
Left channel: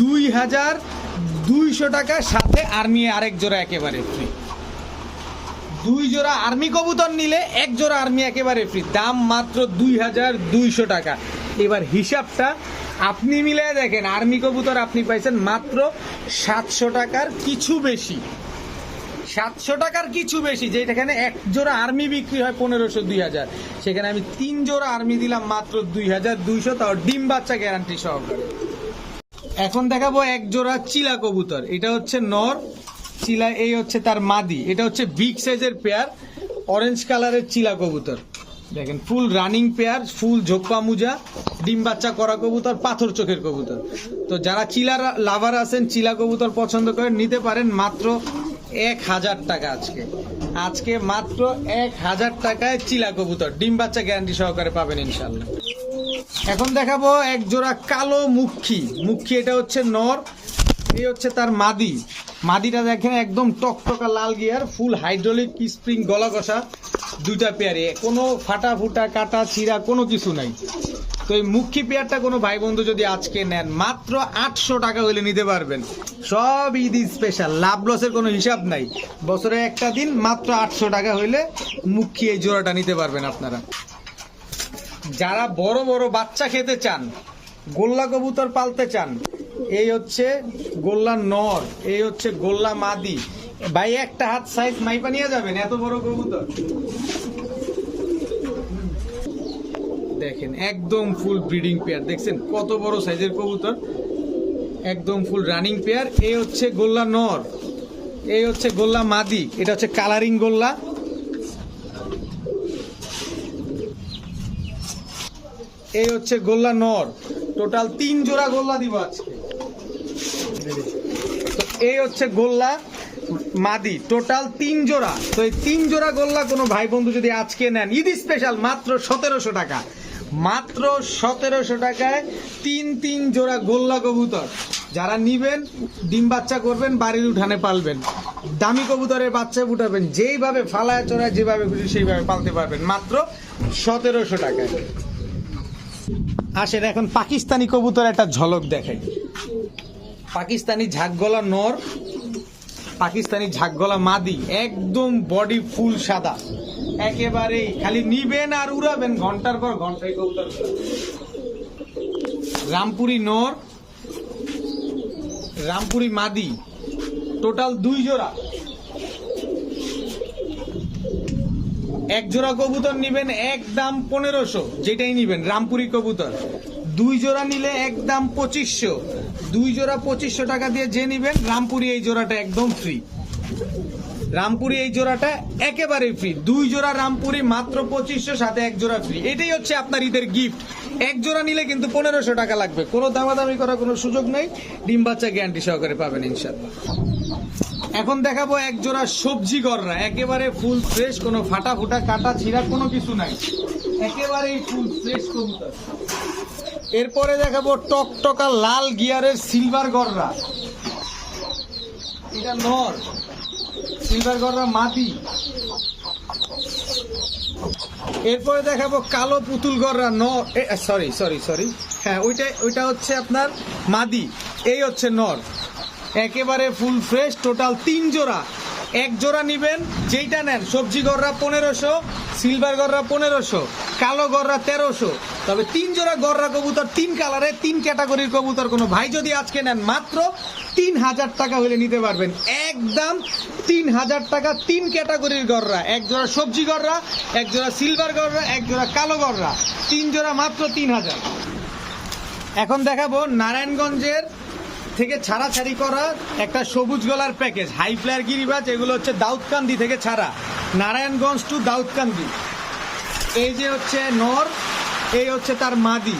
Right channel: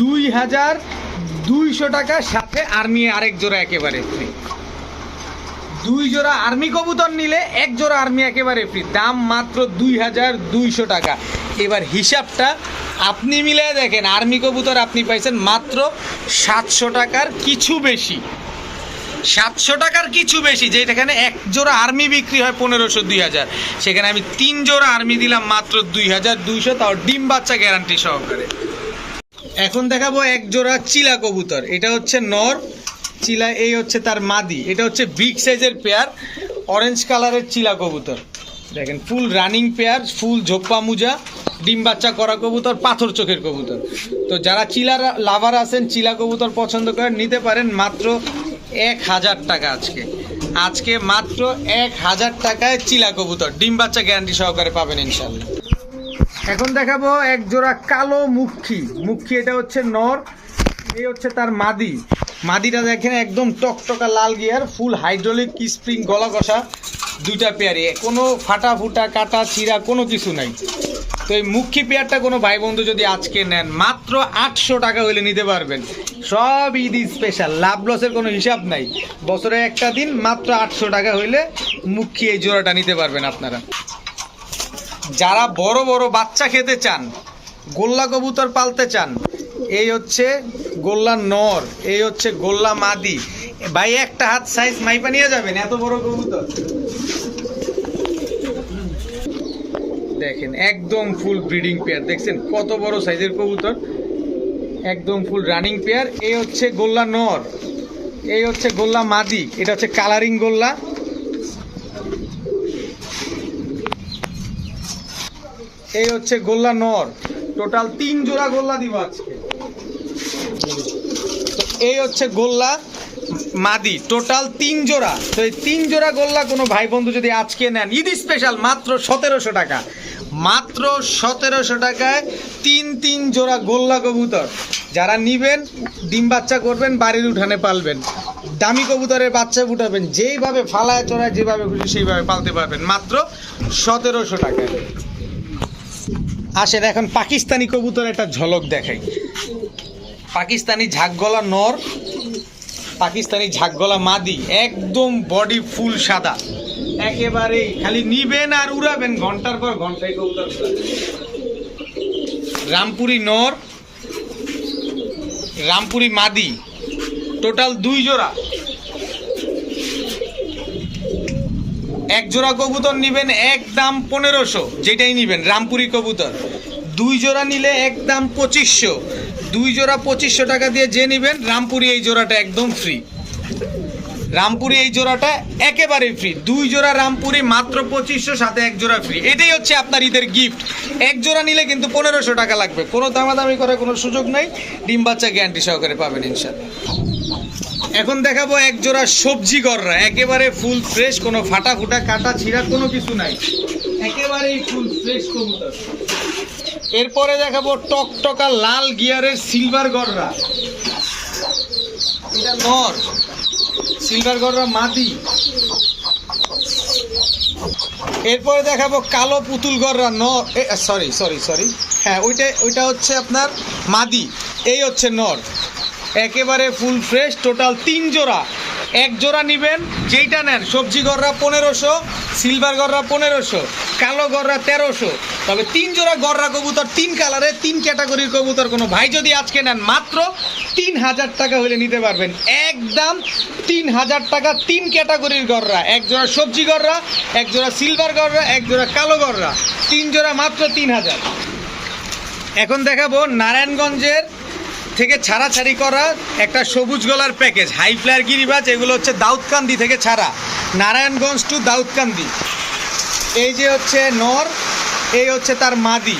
2200 টাকা, সাথে আর্মি আরেক জোড়া একেবারে ফ্রি। 2 জোড়া আর্মি কবুতর নিলে 1 জোড়া আর্মি একেবারে ফ্রি, দাম মাত্র 2200 টাকা। এবার হিসাবটা আপনি মিলে দেখেন, আর্মি কবুতর আপনি পাইছেন মাত্র 700 টাকার কিছু বেশি, 700 টাকার কিছু বেশি। যেখানে 1 জোড়া আর্মি বিক্রি হয় 1500-2000, সেখানে আমি 3 জোড়া আর্মি দিলাম মাত্র 2200, তাও ডিম বাচ্চা গ্যারান্টি সহকারে। এখন দেখাবো 1 জোড়া চিলা কবুতর। এটা হচ্ছে নর চিলা, এই হচ্ছে তার মাদি। এটা হচ্ছে বিগ সাইজের পেয়ার, অরেঞ্জ কালারের চিলা কবুতর। দেখেন ফুল রানিং পেয়ার, ফুল ঝোপ্পা মুজা, ডিম বাচ্চা করা কবুতর, পাথর চোখের কবুতর। তো যারা চিলার লাভার আছেন, চিলা কবুতর পছন্দ করেন, নিতে পারেন মাত্র 1000 টাকা। আজকে মাত্র 1000 টাকায় চিলা কবুতর, ডিম বাচ্চা গ্যারান্টি সহকারে পাবেন ইনশাল্লাহ। এখন দেখাবো 1 জোড়া কালো মুখী। এটা হচ্ছে নর, এই হচ্ছে তার মাদি। মাদিটা দেখেন একদম টকটকা লাল গিয়ার, ফুল হাইড্রোলিক স্প্রিং, গলা কষা, 2টা পেয়ারে, কোনো ফাটা ফুটা কাটা ছিঁড়া কোনো কিছু নাই। তো এই মুখী পেয়ারটা কোনো ভাই বন্ধু যদি আজকে নেন মাত্র 800 টাকা হইলে নিতে পারবেন। সব ঈদ স্পেশাল, লাভ লসের কোনো হিসাব নাই। বছরে একটা দিন মাত্র 800 টাকা হইলে মুখী এই জোড়াটা নিতে পারবেন আপনারা। যারা বড় বড় বাচ্চা খেতে চান, গোল্লা কবুতর পালতে চান, এই হচ্ছে গোল্লা নর, এই হচ্ছে গোল্লা মাদি। ভাই একটা হাত সাইজ মাইপা নিয়ে যাবেন, এত বড় কবুতর দেখেন, একদম ফুল ব্রিডিং পেয়ার। দেখছেন কত বড় সাইজের কবুতর, একদম ফুল রানিং পেয়ার। এই হচ্ছে গোল্লা নর, এই হচ্ছে গোল্লা মাদি, এটা হচ্ছে কালারিং গোল্লা। এই হচ্ছে গোল্লা নর, টোটাল 3 জোড়া গোল্লা দিব আজকে। তো এই হচ্ছে গোল্লা মাদি, টোটাল 3 জোড়া। তো এই 3 জোড়া গোল্লা কোনো ভাই বন্ধু যদি আজকে নেন, ঈদ স্পেশাল মাত্র 1700 টাকা, মাত্র 1700 টাকায় 3 জোড়া গোল্লা কবুতর। যারা নিবেন ডিম বাচ্চা করবেন, বাড়ির উঠানে পালবেন, দামি কবুতরের বাচ্চা উঠাবেন, যেইভাবে ফালায় চড়ায় যেভাবে খুশি সেইভাবে পালতে পারবেন, মাত্র 1700 টাকায়। আসেন এখন পাকিস্তানি কবুতর একটা ঝলক দেখাই। পাকিস্তানি ঝাঁকগলা নর, পাকিস্তানি ঝাঁকগলা মাদি, একদম বডি ফুল সাদা, একেবারেই খালি নিবেন আর উড়াবেন, ঘন্টার পর ঘন্টায় কবুতর। রামপুরি নর, রামপুরি মাদি, টোটাল 2 জোড়া। এক জোড়া কবুতর নিবেন একদম 1500, যেটাই নিবেন রামপুরি কবুতর। 2 জোড়া নিলে একদম 2500, 2 জোড়া 2500 টাকা দিয়ে যে নিবেন, রামপুরি এই জোড়াটা একদম ফ্রি, রামপুরি এই জোড়াটা একেবারে ফ্রি। 2 জোড়া রামপুরি মাত্র 2500, সাথে 1 জোড়া ফ্রি। এটাই হচ্ছে আপনার ঈদের গিফট। 1 জোড়া নিলে কিন্তু 1500 টাকা লাগবে, কোনো দামাদামি করার কোনো সুযোগ নাই, ডিম বাচ্চা গ্যারান্টি সহকারে পাবেন ইনশাআল্লাহ। এখন দেখাবো 1 জোড়া সবজি গররা, একেবারে ফুল ফ্রেশ, কোনো ফাটা ফুটা কাটা ছিঁড়া কোনো কিছু নাই, একেবারেই ফুল ফ্রেশ কবুতর। এরপরে দেখাবো টকটকা লাল গিয়ারের সিলভার গররা, এটা নর, সিলভার গররা মাদি। এরপরে দেখাবো কালো পুতুল গররা নর, সরি হ্যাঁ, ওইটা হচ্ছে আপনার মাদি, এই হচ্ছে নর, একেবারে ফুল ফ্রেশ। টোটাল 3 জোড়া, 1 জোড়া নিবেন যেইটা নেন, সবজি গররা 1500, সিলভার গররা 1500, কালো গররা 1300। তবে 3 জোড়া গররা কবুতর, 3 কালারে 3 ক্যাটাগরির কবুতর কোনো ভাই যদি আজকে নেন, মাত্র 3000 টাকা হলে নিতে পারবেন, একদম 3000 টাকা। 3 ক্যাটাগরির গররা, 1 জোড়া সবজি গররা, 1 জোড়া সিলভার গররা, 1 জোড়া কালো গররা, 3 জোড়া মাত্র 3000। এখন দেখাবো নারায়ণগঞ্জের থেকে ছাড়াছাড়ি করা একটা সবুজ গলার প্যাকেজ, হাই ফ্লায়ার গিরিবাজ। এগুলো হচ্ছে দাউদকান্দি থেকে ছাড়া, নারায়ণগঞ্জ টু দাউদকান্দি। এই যে হচ্ছে নর, এই হচ্ছে তার মাদি,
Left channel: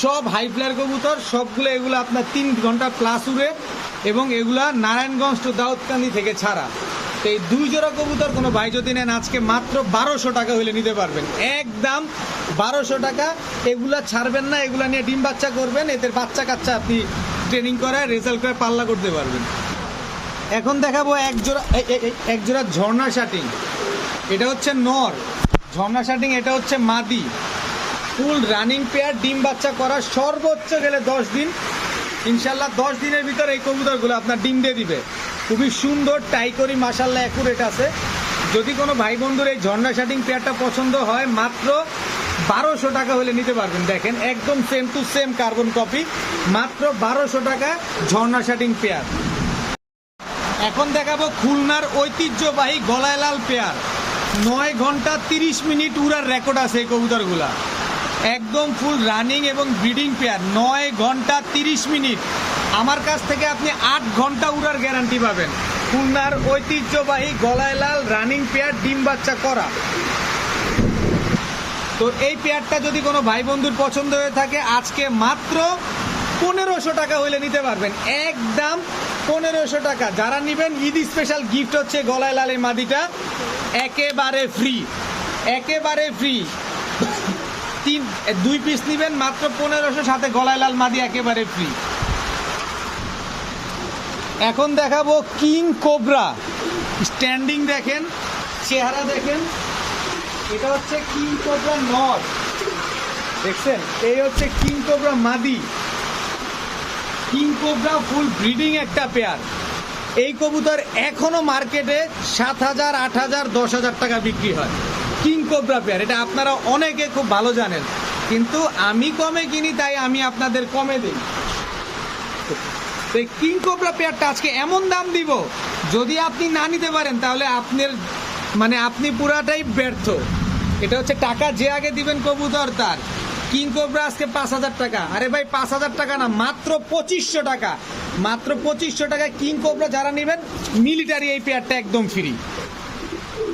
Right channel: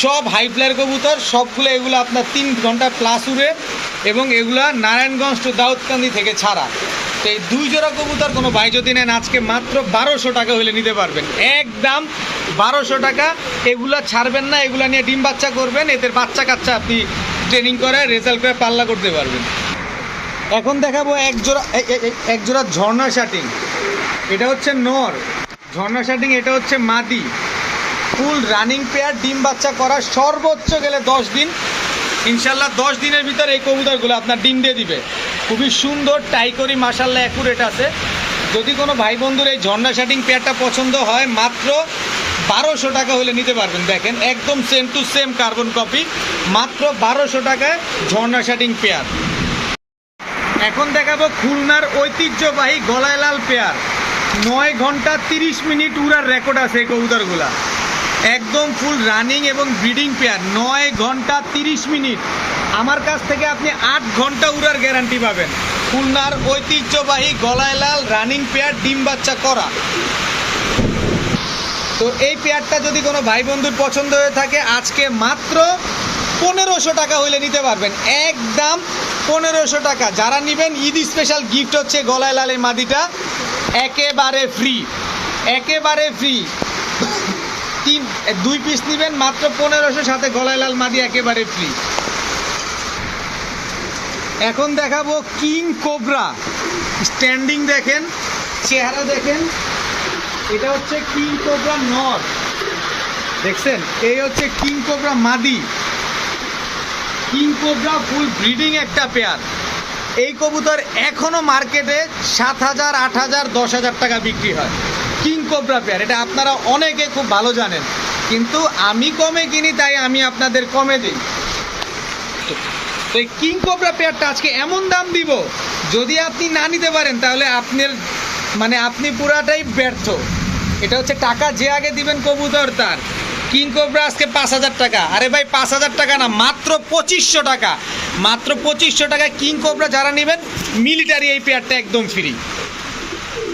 সব হাই ফ্লায়ার কবুতর, সবগুলো এগুলো আপনার 3 ঘন্টা প্লাস উড়ে, এবং এগুলা নারায়ণগঞ্জ টু দাউদকান্দি থেকে ছাড়া। তো এই 2 জোড়া কবুতর কোনো ভাই যদি নেন, আজকে মাত্র 1200 টাকা হলে নিতে পারবেন, একদম 1200 টাকা। এগুলা ছাড়বেন না, এগুলা নিয়ে ডিম বাচ্চা করবেন, এদের বাচ্চা কাচ্চা আপনি ট্রেনিং করে রেজাল্ট পেয়ে পাল্লা করতে পারবেন। এখন দেখাবো 1 জোড়া ঝর্ণা শাটিং, এটা হচ্ছে নর, ঝর্ণা শাটিং, এটা হচ্ছে মাদি, ফুল রানিং পেয়ার, ডিম বাচ্চা করা সর্বোচ্চ গেলে 10 দিন, ইনশাল্লাহ 10 দিনের ভিতরে এই কবুতরগুলো আপনার ডিম দিয়ে দিবে। খুবই সুন্দর টাইকরি, মাশাল্লাহ অ্যাকুরেট আছে। যদি কোনো ভাই বন্ধুর এই ঝর্ণা শাটিং পেয়ারটা পছন্দ হয়, মাত্র 1200 টাকা হলে নিতে পারবেন। দেখেন একদম same to same carbon copy, মাত্র 1200 টাকায় ঝর্ণা শাটিং পেয়ার। এখন দেখাবো খুলনার ঐতিহ্যবাহী গলায় লাল পেয়ার, 9 ঘন্টা 30 মিনিট উড়ার রেকর্ড আছে এই কবুতরগুলা, একদম ফুল রানিং এবং ব্রিডিং পেয়ার। 9 ঘন্টা 30 মিনিট, আমার কাছ থেকে আপনি 8 ঘন্টা উড়ার গ্যারান্টি পাবেন। খুলনার ঐতিহ্যবাহী গলায় লাল রানিং পেয়ার, ডিম বাচ্চা করা। তো এই পেয়ারটা যদি কোনো ভাই বন্ধুর পছন্দ হয়ে থাকে, আজকে মাত্র 1500 টাকা হলে নিতে পারবেন, একদম 1500 টাকা। যারা নেবেন ঈদ স্পেশাল গিফট হচ্ছে গলায় লাল এই মাদিটা, একেবারে ফ্রি, একেবারে ফ্রি। 2 পিস নেবেন মাত্র 1500, সাথে গলায় লাল মাদি একেবারে ফ্রি। এখন দেখাবো কিং কোবরা, স্ট্যান্ডিং দেখেন, চেহারা দেখেন, এটা হচ্ছে কিং কোবরা নর, দেখছেন, এই হচ্ছে কিং কোবরা মাদি। কিং কোবরা ফুল ব্রিডিং একটা পেয়ার। এই কবুতর এখনো মার্কেটে 7000, 8000, 10000 টাকা বিক্রি হয়, কিং কোবরা পেয়ার। এটা আপনারা অনেকে খুব ভালো জানেন, কিন্তু আমি কমে কিনি, তাই আমি আপনাদের কমে দিই। তো তো এই কিং কোবরা পেয়ারটা আজকে এমন দাম দিব, যদি আপনি না নিতে পারেন তাহলে আপনি পুরাটাই ব্যর্থ। এটা হচ্ছে টাকা যে আগে দিবেন কবুতর তার। কিং কোবরা আজকে 5,000 টাকা। আরে ভাই 5,000 টাকা না, মাত্র 2500 টাকা। মাত্র 2500 টাকায় কিং কোবরা যারা নেবেন, মিলিটারি এই পেয়ারটা একদম ফ্রি।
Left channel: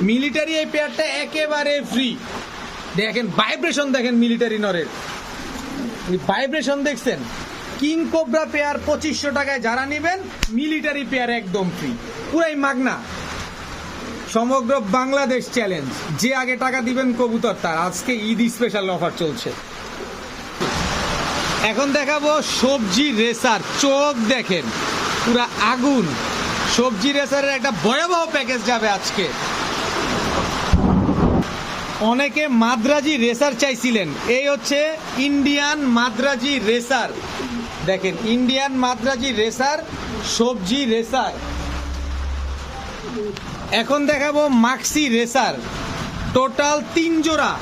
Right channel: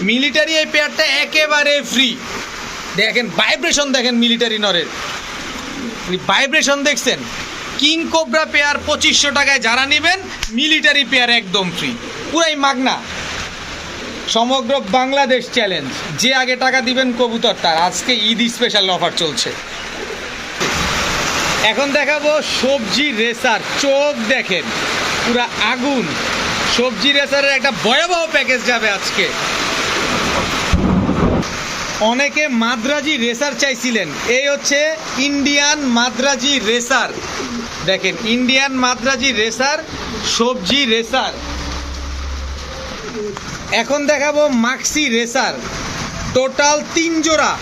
মিলিটারি এই পেয়ারটা একেবারে ফ্রি। দেখেন ভাইব্রেশন, দেখেন মিলিটারি নরের ভাইব্রেশন দেখছেন। কিং কোবরা পেয়ার 2500 টাকায় যারা নেবেন, মিলিটারি পেয়ার একদম ফ্রি, পুরাই মাগনা। সমগ্র বাংলাদেশ চ্যালেঞ্জ, যে আগে টাকা দিবেন কবুতর তার। আজকে ঈদ স্পেশাল অফার চলছে। এখন দেখাবো সবজি রেসার। চোখ দেখেন পুরা আগুন। সবজি রেসারের একটা ভয়াবহ প্যাকেজ যাবে আজকে। অনেকে মাদ্রাজি রেসার চাইছিলেন, এই হচ্ছে ইন্ডিয়ান মাদ্রাজি রেসার। দেখেন ইন্ডিয়ান মাদ্রাজি রেসার, সবজি রেসার। এখন দেখাবো মাক্সি রেসার। টোটাল 3 জোড়া।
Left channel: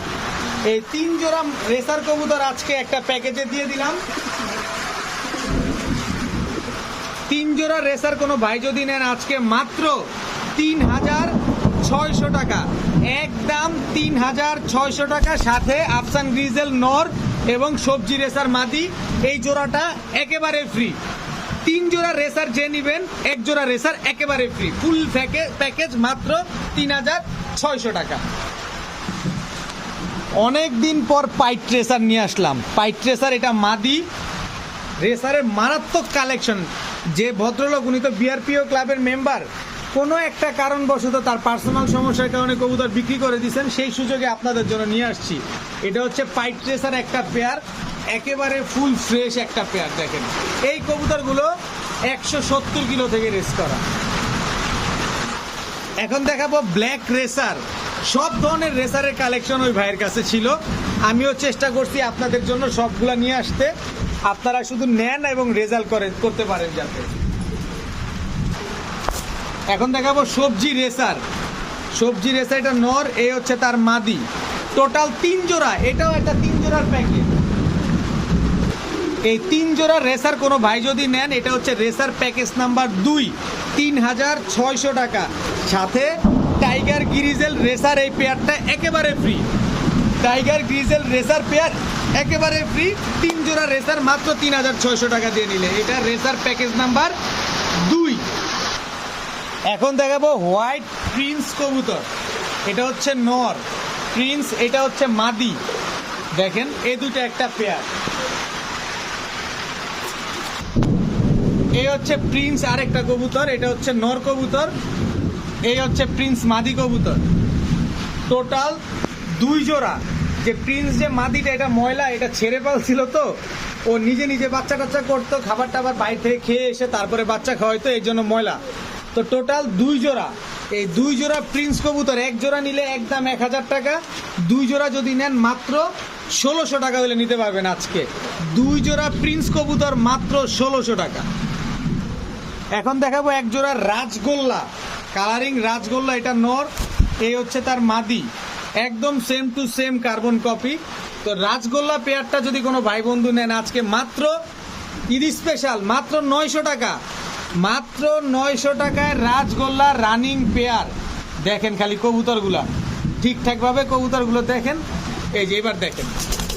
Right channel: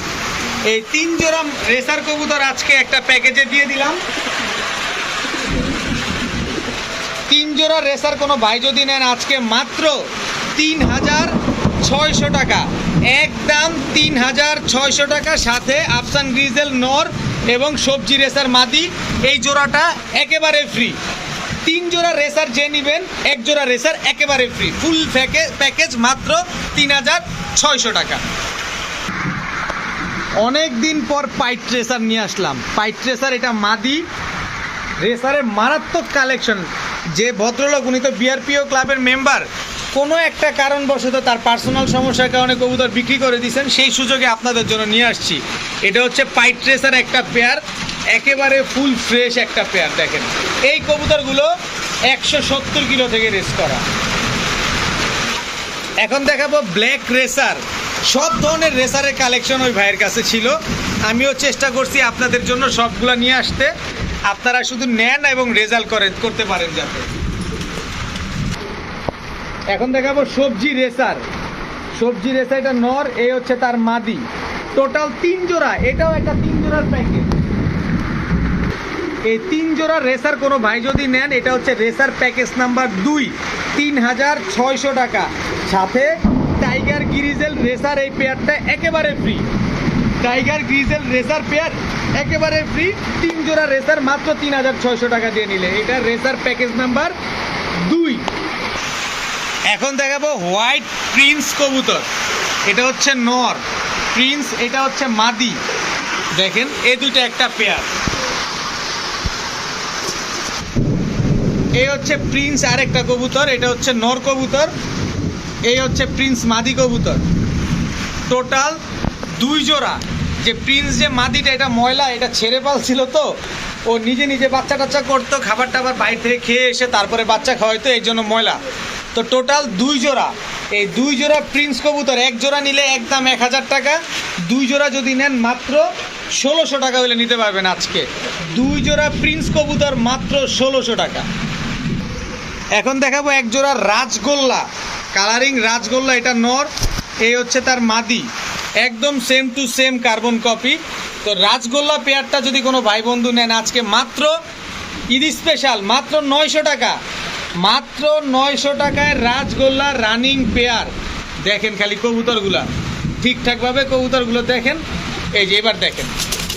এই 3 জোড়া রেসার কবুতর আজকে একটা প্যাকেজে দিয়ে দিলাম। 3 জোড়া রেসার কোনো ভাই যদি নেন, আজকে মাত্র 3,600 টাকা। একদম 3,600 টাকা, সাথে আফসান গ্রিজেল নর এবং সবজি রেসার মাদি। এই জোড়াটা একেবারে ফ্রি। 3 জোড়া রেসার যে নেবেন, 1 জোড়া রেসার একেবারে ফ্রি। ফুল প্যাকেজ মাত্র 3,600 টাকা। অনেক দিন পর পাইট রেসার নিয়ে আসলাম। পাইট রেসার এটা মাদি। রেসারের মারাত্মক কালেকশন। যে ভদ্রলোক, উনি তো বিআরপিও ক্লাবের মেম্বার, কোনো একটা কারণবশত তার পার্সোনাল সমস্যার কারণে কবুতর বিক্রি করে দিয়েছেন, সেই সুযোগে আপনাদের জন্য নিয়ে আসছি। এটা হচ্ছে পাইট রেসার একটা পেয়ার, একেবারে ফুল ফ্রেশ একটা পেয়ার। দেখেন এই কবুতরগুলো 170 কিলো থেকে রেস করা। এখন দেখাবো ব্ল্যাক রেসার। সব ধরনের রেসারের কালেকশন ওই ভাইয়ের কাছে ছিল। আমিও চেষ্টা করছি আপনাদের জন্য সবগুলা নিয়ে আসতে, আপনারা শুধু নেন এবং রেজাল্ট করতে পারেন যাতে। এখন দেখাবো সবজি রেসার। সবজি রেসার এটা নর, এই হচ্ছে তার মাদি। টোটাল 3 জোড়া। এটাও একটা 3 জোড়ার প্যাকেজ। এই 3 জোড়া রেসার কোনো ভাই যদি নেন, এটা হচ্ছে রেসার প্যাকেজ নাম্বার 2, 3,600 টাকা। সাথে টাইগার গ্রিজেল রেসার এই পেয়ারটা একেবারে free. Tiger grizzle racer pair একেবারে ফ্রি। 3 জোড়া রেসার মাত্র 3,600 টাকা দিয়ে নিলে। এটা রেসার প্যাকেজ নাম্বার 2। এখন দেখাবো হোয়াইট প্রিন্স কবুতর। এটা হচ্ছে নর, প্রিন্স এটা হচ্ছে মাদি। দেখেন এই দুইটা একটা পেয়ার। এই হচ্ছে প্রিন্স আরেকটা কবুতর, এটা হচ্ছে নর কবুতর। এই হচ্ছে প্রিন্স মাদি কবুতর। টোটাল 2 জোড়া। যে প্রিন্স যে মাদিটা, এটা ময়লা, এটা ছেড়ে পালছিল, তো ও নিজে নিজে বাচ্চা টাচ্চা করতো, খাবার টাবার বাইরে থেকে খেয়ে এসে তারপরে বাচ্চা খাওয়াইতো, এই জন্য ময়লা। তো টোটাল 2 জোড়া। এই 2 জোড়া প্রিন্স কবুতর, 1 জোড়া নিলে একদম 1,000 টাকা। 2 জোড়া যদি নেন মাত্র 1,600 টাকা হলে নিতে পারবেন আজকে। 2 জোড়া প্রিন্স কবুতর মাত্র 1,600 টাকা। এখন দেখাবো 1 জোড়া রাজগোল্লা, কালারিং রাজগোল্লা। এটা নর, এই হচ্ছে তার মাদি। একদম same to same carbon copy. তো রাজগোল্লা পেয়ারটা যদি কোনো ভাই বন্ধু নেন, আজকে মাত্র ঈদ স্পেশাল মাত্র 900 টাকা। মাত্র 900 টাকায় রাজগোল্লা রানিং পেয়ার। দেখেন খালি কবুতরগুলা ঠিকঠাকভাবে, কবুতরগুলো দেখেন। এই যে এবার দেখেন,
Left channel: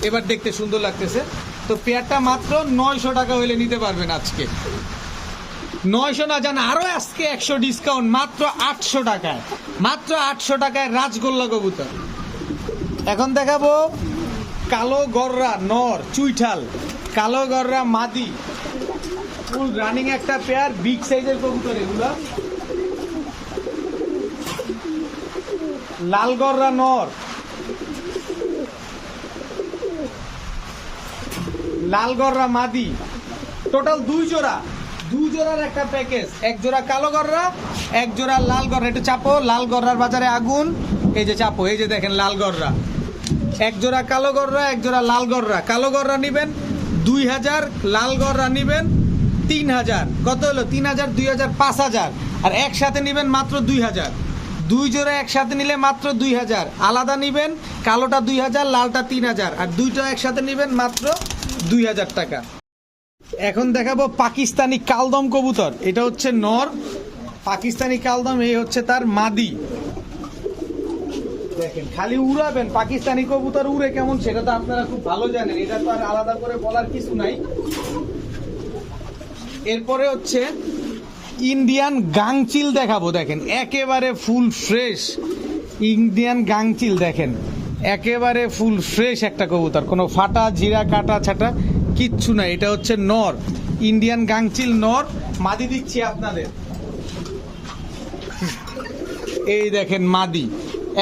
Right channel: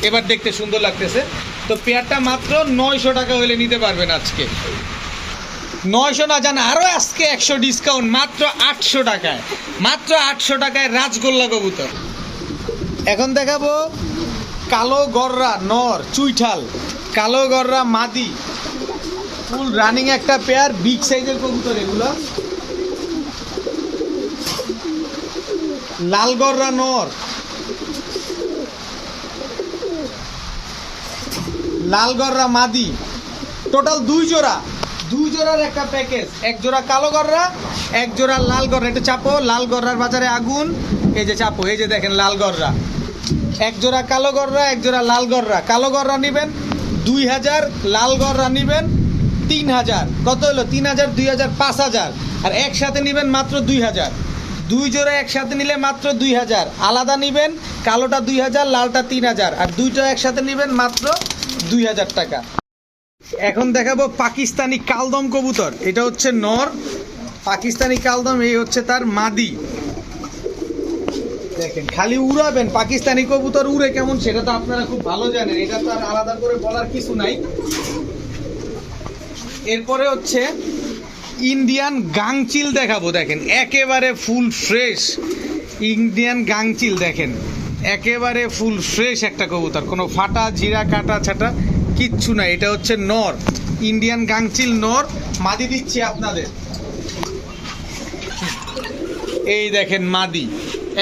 এবার দেখতে সুন্দর লাগতেছে। তো পেয়ারটা মাত্র 900 টাকা হলে নিতে পারবেন আজকে। 900 না জান, আরও আজকে 100 ডিসকাউন্ট, মাত্র 800 টাকায়। মাত্র 800 টাকায় রাজগোল্লা কবুতর। এখন দেখাবো কালো গররা নর, চুইঠাল। কালো গররা মাদি, ফুল রানিং একটা পেয়ার, বিগ সাইজের কবুতর এগুলো। লাল গররা নর, লাল গররা মাদি। টোটাল 2 জোড়া। 2 জোড়ার একটা প্যাকেজ। 1 জোড়া কালো গররা, 1 জোড়া লাল গররা। এটা চাপো, লাল গররার বাজারে আগুন। এই যে চাপো, এই যে দেখেন লাল গররা। 1 জোড়া কালো গররা, 1 জোড়া লাল গররা। কালো গররা নেবেন 2,000, লাল গররা নেবেন 3,000। কত হলো? 3,000, 2,000, 5,000। আর একসাথে নেবেন মাত্র 2,000। 2 জোড়া একসাথে নিলে মাত্র 2,000। আলাদা নেবেন, কালোটা 2,000, লালটা 3,000। আর দুইটা একসাথে নেবেন মাত্র 2,000 টাকা। এখন দেখাবো পাকিস্তানি কালদম কবুতর। এটা হচ্ছে নর পাকিস্তানি কালদম, এই হচ্ছে তার মাদি। দেখেন খালি উড়াবেন, পাকিস্তানি কবুতর উড়ে কেমন সেটা তো আপনারা খুব ভালো জানেন, এটা তো আর আলাদা করে বলার কিছু নাই। এরপরে হচ্ছে ইন্ডিয়ান গাংচিল দেখাবো। দেখেন একেবারে ফুল ফ্রেশ ইন্ডিয়ান গাংচিল, দেখেন একেবারে ফুল ফ্রেশ একটা কবুতর, কোনো ফাটা জিরা কাটা ছাটা কিচ্ছু নাই। এটা হচ্ছে নর ইন্ডিয়ান গাংচিল নর, মাদি দিচ্ছি আপনাদের। এই দেখেন মাদি,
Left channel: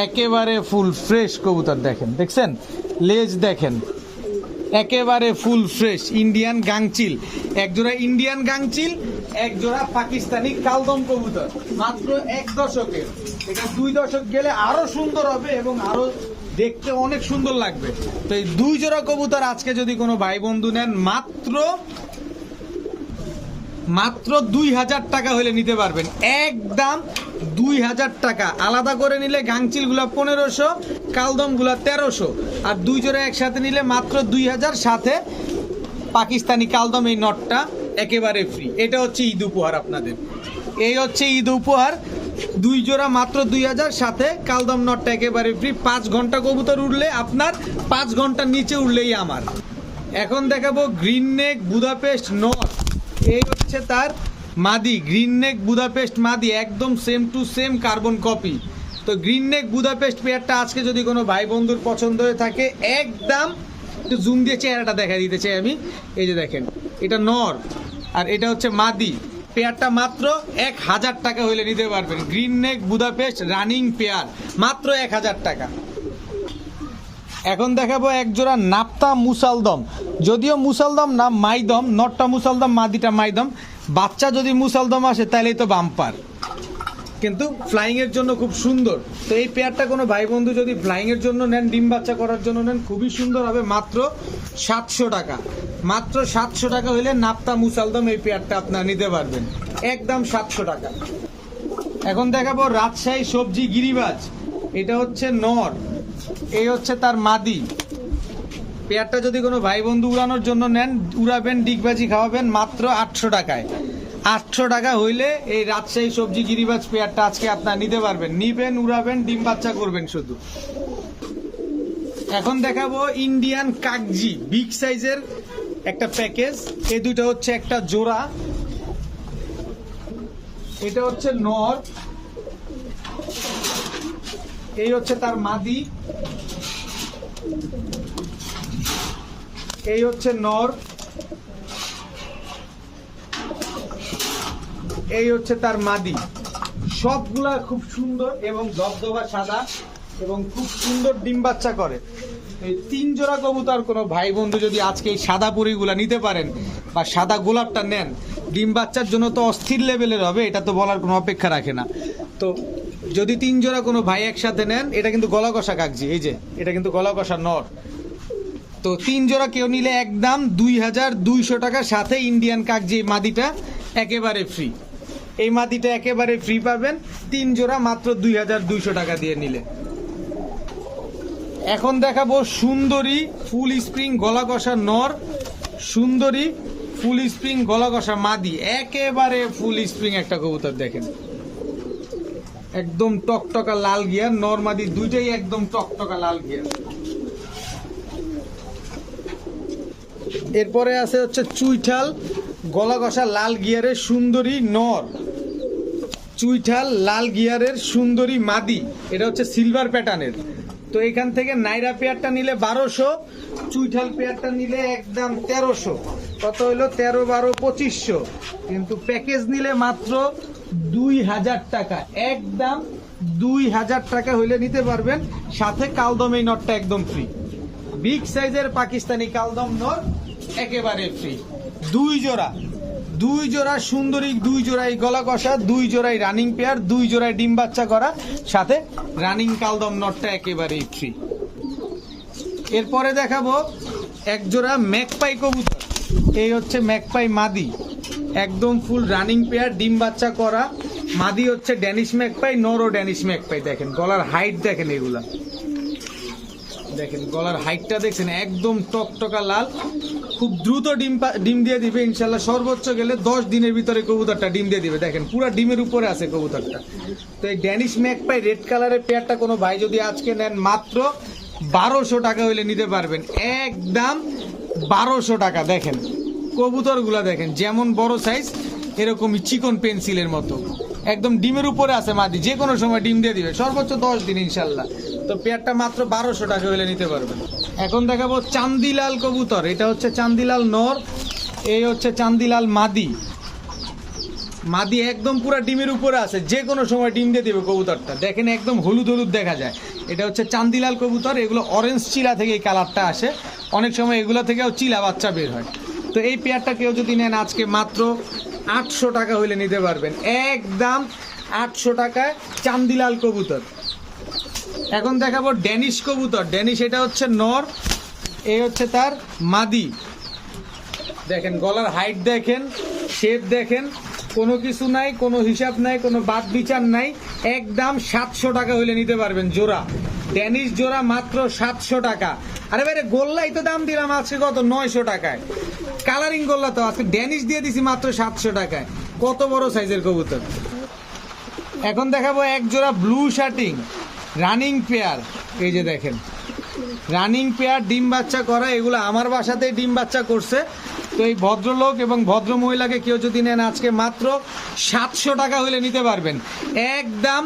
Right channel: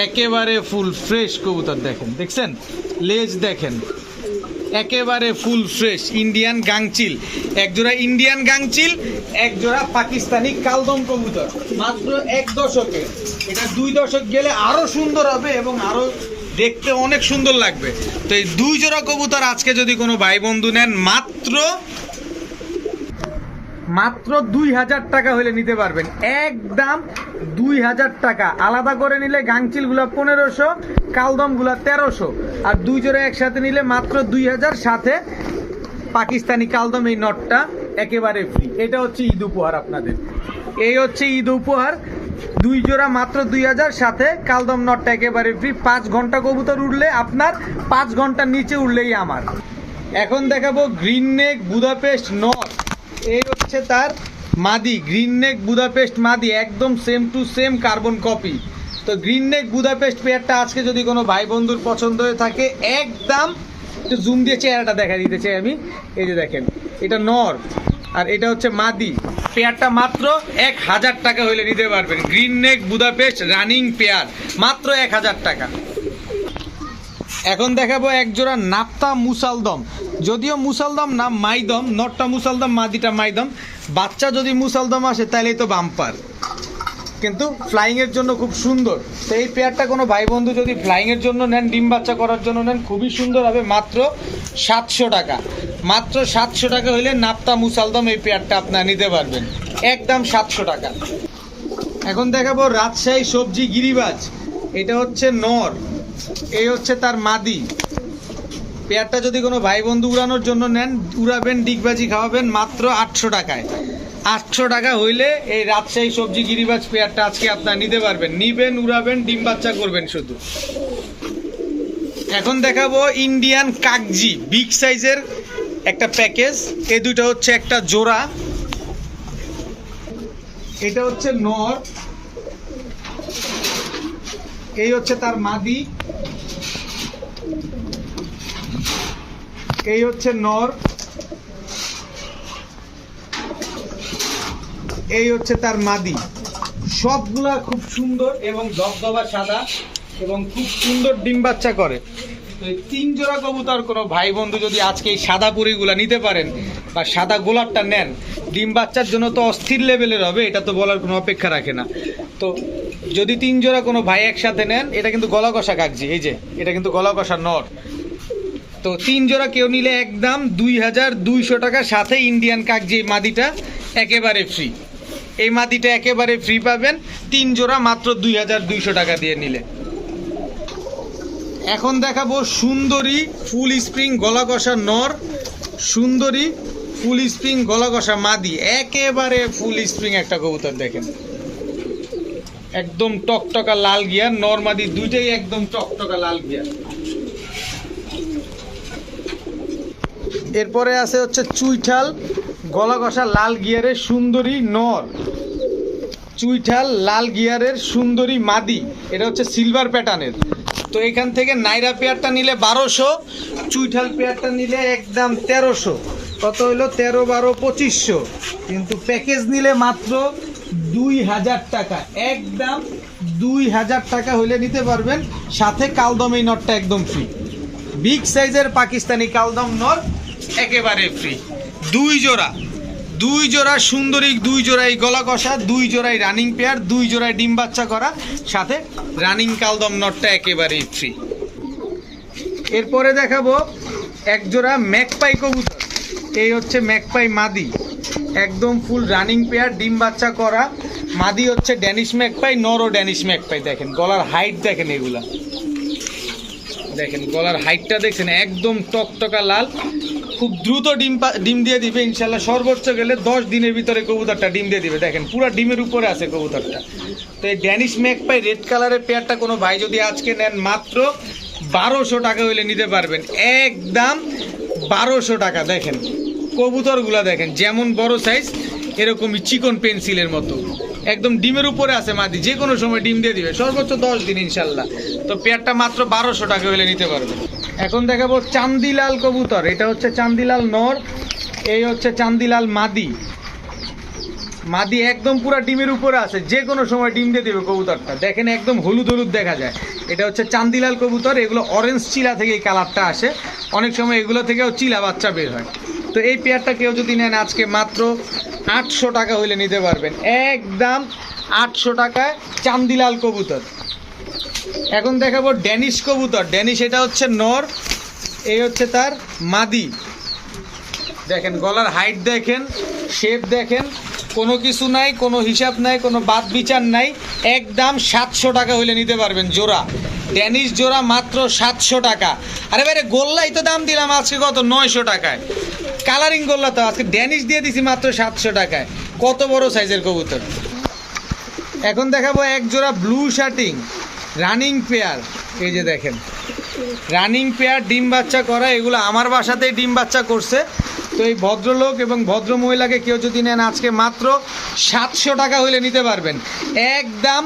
একেবারে ফুল ফ্রেশ কবুতর, দেখেন দেখছেন লেজ দেখেন একেবারে ফুল ফ্রেশ ইন্ডিয়ান গাংচিল। এক জোড়া ইন্ডিয়ান গাংচিল, এক জোড়া পাকিস্তানি কালদম কবুতর, মাত্র 1 দশকে। এটা 2 দশক গেলে আরো সুন্দর হবে এবং আরো দেখতে অনেক সুন্দর লাগবে। তো এই 2 জোড়া কবুতর আজকে যদি কোনো ভাই বন্ধু নেন মাত্র 2000 টাকা হলে নিতে পারবেন, একদম 2000 টাকা। আলাদা করে নিলে গাংচিলগুলো 1500, কালদমগুলো 1300, আর 2 জোড়া একসাথে নিলে মাত্র 2000, সাথে পাকিস্তানি কালদম এই নটটা একেবারে ফ্রি। এটা হচ্ছে ঈদ উপহার আপনাদের, এই হচ্ছে ঈদ উপহার। 2 জোড়া মাত্র 2000, সাথে কালদম নটটা একেবারে ফ্রি। 5 ঘন্টা কবুতর উঠলে আপনার, 5 ঘন্টার নিচে উঠলেই আমার। এখন দেখাবো গ্রিন নেক বুদাপেস্ট নট, এই হচ্ছে তার মাদি। গ্রিন নেক বুদাপেস্ট মাদি, একদম same to same carbon copy. তো গ্রিন নেক বুদাপেস্ট পেয়ারটা আজকে যদি কোনো ভাই বন্ধুর পছন্দ হয়ে থাকে, একদম একটু জুম দিয়ে চেহারাটা দেখা দিতে চাই আমি। এই যে দেখেন এটা নর আর এটা হচ্ছে মাদি, পেয়ারটা মাত্র 1000 টাকা হলে নিতে পারবেন। গ্রিন নেক বুদাপেস্ট রানিং পেয়ার, মাত্র 1000 টাকা। এখন দেখাবো এক জোড়া নাপ্তা মুসালদম, যদিও মুসালদম না মাইদম, নটটা মুসালদম মাদিটা মাইদম। বাচ্চা যদি মুসালদম আসে তাহলেই তো বাম্পার, কিন্তু ফ্লাইং এর জন্য খুব সুন্দর। তো এই পেয়ারটা কোনো ভাই বন্ধু যদি ফ্লাইং এর জন্য নেন, ডিম বাচ্চা করার জন্য নেন, খুবই সুন্দর হবে। মাত্র 700 টাকা, মাত্র 700 টাকা হলে নাপ্তা মুসালদম এই পেয়ারটা আপনারা নিতে পারবেন, একদম 700 টাকা। এখন দেখাবো রাজশাহী সবজি গিরিবাজ, এটা হচ্ছে নর, এই হচ্ছে তার মাদি। পেয়ারটা যদি কোনো ভাই বন্ধু উড়ানোর জন্য নেন, উড়াবেন ডিগবাজি খাওয়াবেন, মাত্র 800 টাকায়। 800 টাকা হইলে এই রাজশাহী সবজি গিরিবাজ পেয়ারটা আজকে আপনারা নিতে পারবেন। নিবেন, উড়াবেন, ডিম বাচ্চা করবেন শুধু। এখন দেখাবো ইন্ডিয়ান কাকজি, বিগ সাইজের একটা প্যাকেজ। এই দুটো হচ্ছে একটা জোড়া, এটা হচ্ছে নর, এই হচ্ছে তার মাদি, এই হচ্ছে নর, এই হচ্ছে তার মাদি। সবগুলা খুব সুন্দর এবং ধবধবা সাদা এবং খুব সুন্দর ডিম বাচ্চা করে। 3 জোড়া কবুতর কোনো ভাই বন্ধু যদি আজকে এই সাদা পুরিগুলা নিতে পারেন বা সাদা গোলাপটা নেন, ডিম বাচ্চার জন্য তো অস্থির লেভেলের হবে, এটা তো বলার কোনো অপেক্ষা রাখে না। তো যদি 3 জোড়া কোনো ভাই একসাথে নেন, এটা কিন্তু গলা কষা কাকজি, এই যে এটা কিন্তু গলা কষা নর। তো 3 জোড়া কেউ নিলে একদম 2200 টাকার সাথে ইন্ডিয়ান কাকজি মাদিটা একেবারে ফ্রি। এই মাদিটা একেবারে ফ্রি পাবেন 3 জোড়া মাত্র 2200 টাকা দিয়ে নিলে। এখন দেখাবো সুন্দরী ফুল স্প্রিং গলা কষা নর, সুন্দরী ফুল স্প্রিং গলা কষা মাদি, একেবারে ফুল স্প্রিং একটা কবুতর। দেখেন একদম টকটকা লাল গিয়ার, নর মাদি দুইটাই একদম টকটকা লাল গিয়ার। এরপরে আছে হচ্ছে চুইঠাল গলা কষা লাল গিয়ারের সুন্দরী নর, চুইঠাল লাল গিয়ারের সুন্দরী মাদি, এটা হচ্ছে সিলভার প্যাটার্নের। তো এখান থেকে নাইরা পেয়ারটা নিলে 1200, চুইঠাল পেয়ারটা নিলে একদম 1300, কত হলো 13, 12, 2500। কিন্তু প্যাকেজ নিলে মাত্র 2000 টাকা, একদম 2000 টাকা হলে নিতে পারবেন, সাথে কালদম এই নটটা একদম ফ্রি। বিগ সাইজের পাকিস্তানি কালদম নর একেবারে ফ্রি। 2 জোড়া সুন্দরী, 2 জোড়াই গলা কষা, 2 জোড়াই রানিং পেয়ার, 2 জোড়াই ডিম বাচ্চা করা, সাথে রানিং কালদম নটটা একেবারেই ফ্রি। এরপরে দেখাবো এক জোড়া ম্যাকপাই কবুতর, এই হচ্ছে ম্যাকপাই মাদি, একদম ফুল রানিং পেয়ার, ডিম বাচ্চা করা। মাদি হচ্ছে ড্যানিশ ম্যাকপাই, নরও ড্যানিশ ম্যাকপাই। দেখেন গলার হাইট দেখেন, এগুলা দেখেন গলার হাইটটা দেখছেন একদম টকটকা লাল, খুব দ্রুত ডিম দিয়ে দিবে ইনশাল্লাহ। সর্বোচ্চ গেলে 10 দিনের ভিতরে কবুতরটা ডিম দিয়ে দিবে। দেখেন পুরো ডিমের উপরে আছে কবুতরটা। তো এই ড্যানিশ ম্যাকপাই রেড কালারের পেয়ারটা কোনো ভাই যদি আজকে নেন মাত্র 1200 টাকা হইলে নিতে পারবেন, একদম 1200 টাকা। দেখেন কবুতরগুলা দেখেন যেমন বড় সাইজ এরকমই চিকন পেন্সিলের মতো, একদম ডিমের উপরে আছে মাদি, যে কোনো সময় ডিম দিয়ে দিবে, সর্বোচ্চ 10 দিন ইনশাল্লাহ। তো পেয়ারটা মাত্র 1200 টাকা হইলে নিতে পারবেন। এখন দেখাবো চান্দিলাল কবুতর। এটা হচ্ছে চান্দিলাল নর, এই হচ্ছে চান্দিলাল মাদি। মাদি একদম পুরো ডিমের উপরে আছে, যে কোনো সময় ডিম দিয়ে দেবে কবুতরটা। দেখেন একদম হলুদ হলুদ দেখা যায়। এটা হচ্ছে চান্দিলাল কবুতর। এগুলো অরেঞ্জ চিলা থেকে এই কালারটা আসে, অনেক সময় এগুলো থেকেও চিলা বাচ্চা বের হয়। তো এই পেয়ারটা কেউ যদি নেন আজকে মাত্র 800 টাকা হইলে নিতে পারবেন, একদম 800 টাকায় চান্দিলাল কবুতর। এখন দেখাবো ড্যানিশ কবুতর। ড্যানিশ এটা হচ্ছে নর, এই হচ্ছে তার মাদি। দেখেন গলার হাইট দেখেন, শেপ দেখেন, কোনো কিছু নাই, কোনো হিসাব নাই, কোনো বাদ বিচার নাই, একদম 700 টাকা হইলে নিতে পারবেন জোড়া। ড্যানিশ জোড়া মাত্র 700 টাকা। আরে বাইরে গোল্লাই তো দাম দিলাম আজকে কত 900 টাকায়, কালারিং গোল্লা তো আজকে ড্যানিশ দিয়ে দিছি মাত্র 700 টাকায়। কত বড় সাইজের কবুতর। এখন দেখাবো এক জোড়া ব্লু শার্টিং রানিং পেয়ার। এই যে দেখেন রানিং পেয়ার, ডিম বাচ্চা করা, এগুলো আমার বাসাতেই ডিম বাচ্চা করছে। তো এই ভদ্রলোক এবং ভদ্র মহিলাকে কেউ যদি নেন আজকে মাত্র 700 টাকা হলে নিতে পারবেন, একদম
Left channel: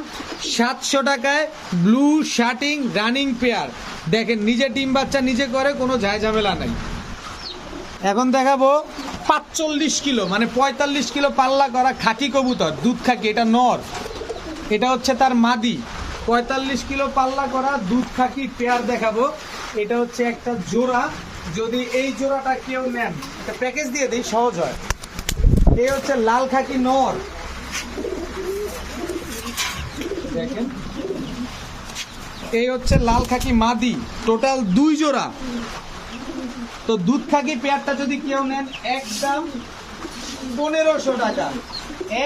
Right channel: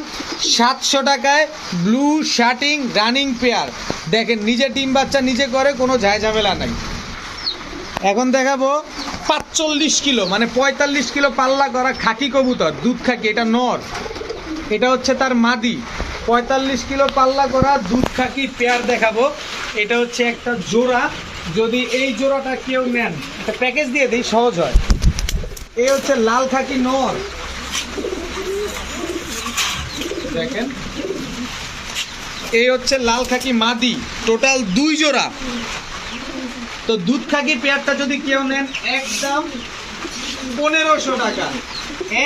700 টাকায় ব্লু শার্টিং রানিং পেয়ার। দেখেন নিজে ডিম বাচ্চা নিজে করে, কোনো ঝামেলা নাই। এখন দেখাবো 45 কিলো মানে 45 কিলো পাল্লা করা খাকি কবুতর, দুধ খাকি। এটা নর, এটা হচ্ছে তার মাদি। 45 কিলো পাল্লা করা দুধ খাকি পেয়ার দেখাবো। এটা হচ্ছে একটা জোড়া, যদি এই জোড়াটা কেউ নেন একটা প্যাকেজ দিয়ে দেই সহজ হয়। এই হচ্ছে লাল খাকি নর, দেখেন এই হচ্ছে লাল খাকি মাদি, টোটাল 2 জোড়া। তো দুধ খাকি পেয়ারটা যদি কেউ নেন একদম 1500 টাকা,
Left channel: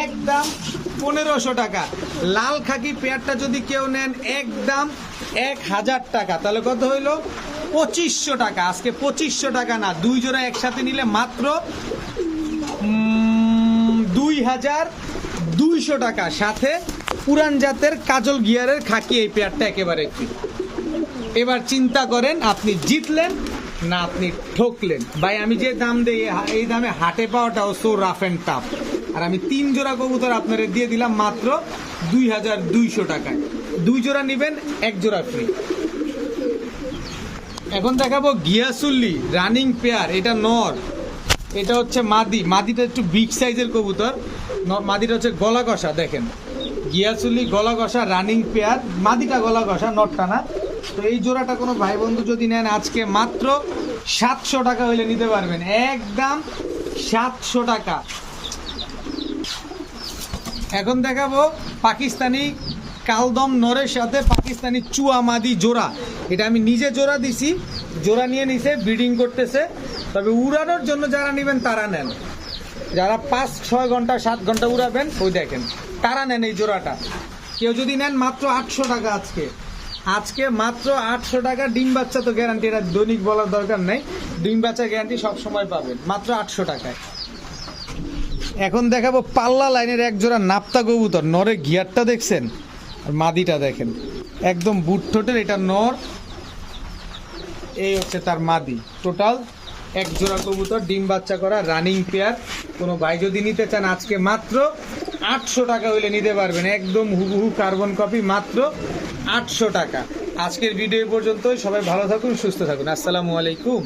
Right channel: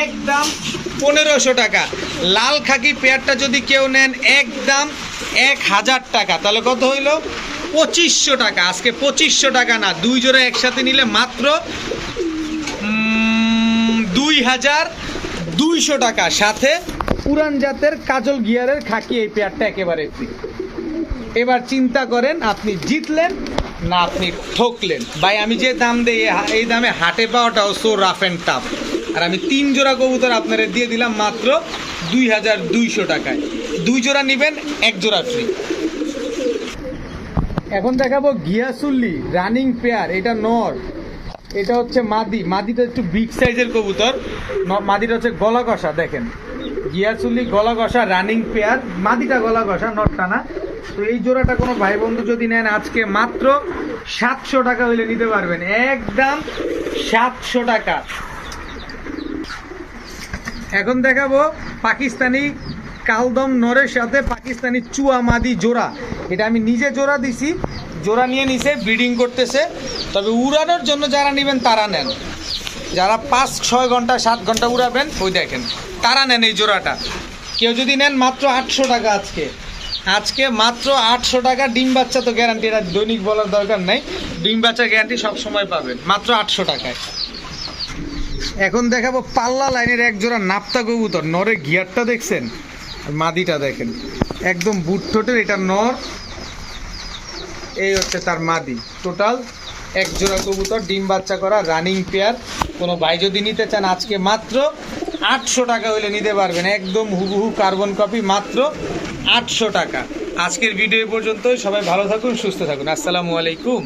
একদম 1500 টাকা। লাল খাকি পেয়ারটা যদি কেউ নেন একদম 1000 টাকা, তাহলে কত হইল 2500 টাকা। আজকে 2500 টাকা না, 2 জোড়া একসাথে নিলে মাত্র 2200 টাকা, সাথে পুরান জাতের কাজল গিয়ারের খাকি এই পেয়ারটা একেবারে ফ্রি। এবার চিন্তা করেন আপনি জিতলেন না আপনি ঠকলেন। ভাই আমি যে দাম দেই এই দামে হাটে পাওয়াটাও সো রাফ অ্যান্ড টাফ। আর আমি 3 জোড়া কবুতর আপনারা দিয়ে দিলাম মাত্র 2200 টাকায়। 2 জোড়া নেবেন 1 জোড়া ফ্রি। এখন দেখাবো গিয়াসুল্লি রানিং পেয়ার। এটা নর, এটা হচ্ছে মাদি। মাদিটা একটু বিগ সাইজের কবুতর, মাদিটা হচ্ছে গলা কষা। দেখেন গিয়াসুল্লি গলা কষা রানিং পেয়ার, মাদিটা গলা কষা, নটটা না। তো এই জোড়াটা কোনো ভাই বন্ধু যদি নেন আজকে মাত্র 700 টাকা হইলে নিতে পারবেন, একদম 700 টাকা। এখন দেখাবো পাকিস্তানি কালদম নরের সাথে পাকিস্তানি চুয়া মাদি জোড়া। এটা আমি নিজে জোড়া দিছি, জোড়া নিয়ে নিছে, ব্রিডিং করতেছে। তবে উড়ানোর জন্য যারা নেবেন তারা নেন, যারা 5-6 ঘন্টা 7 ঘন্টা উড়াবেন ওই দেখেন তারা নেন এই জোড়াটা। কেউ যদি নেন মাত্র 800 টাকা আজকে মাত্র 800 টাকা। ডিম বাচ্চা তো গ্যারান্টি, এটা দৈনিক বলার দরকার নাই, ডিম বাচ্চা গ্যারান্টি সব সময় পাবেন মাত্র 800 টাকায়। এখন দেখাবো পাল্লা লাইনের এক জোড়া নাপ্তা কবুতর। নরের গিয়ারটা দেখছেন, মাদিটা দেখেন একদম বুট ঠোঁটের। এটা নর, এই হচ্ছে তার মাদি। টোটাল 1 জোড়া কবুতর ডিম বাচ্চা করা রানিং পেয়ার। কোনো ভাই যদি নিতে চান আজকে মাত্র 800 টাকা হইলে নিতে পারবেন, একদম হুবহু কার্বন কপি, মাত্র 800 টাকা। আজকের ভিডিও পর্যন্ত, সবাই ভালো থাকুন, সুস্থ থাকুন, আসসালামু আলাইকুম।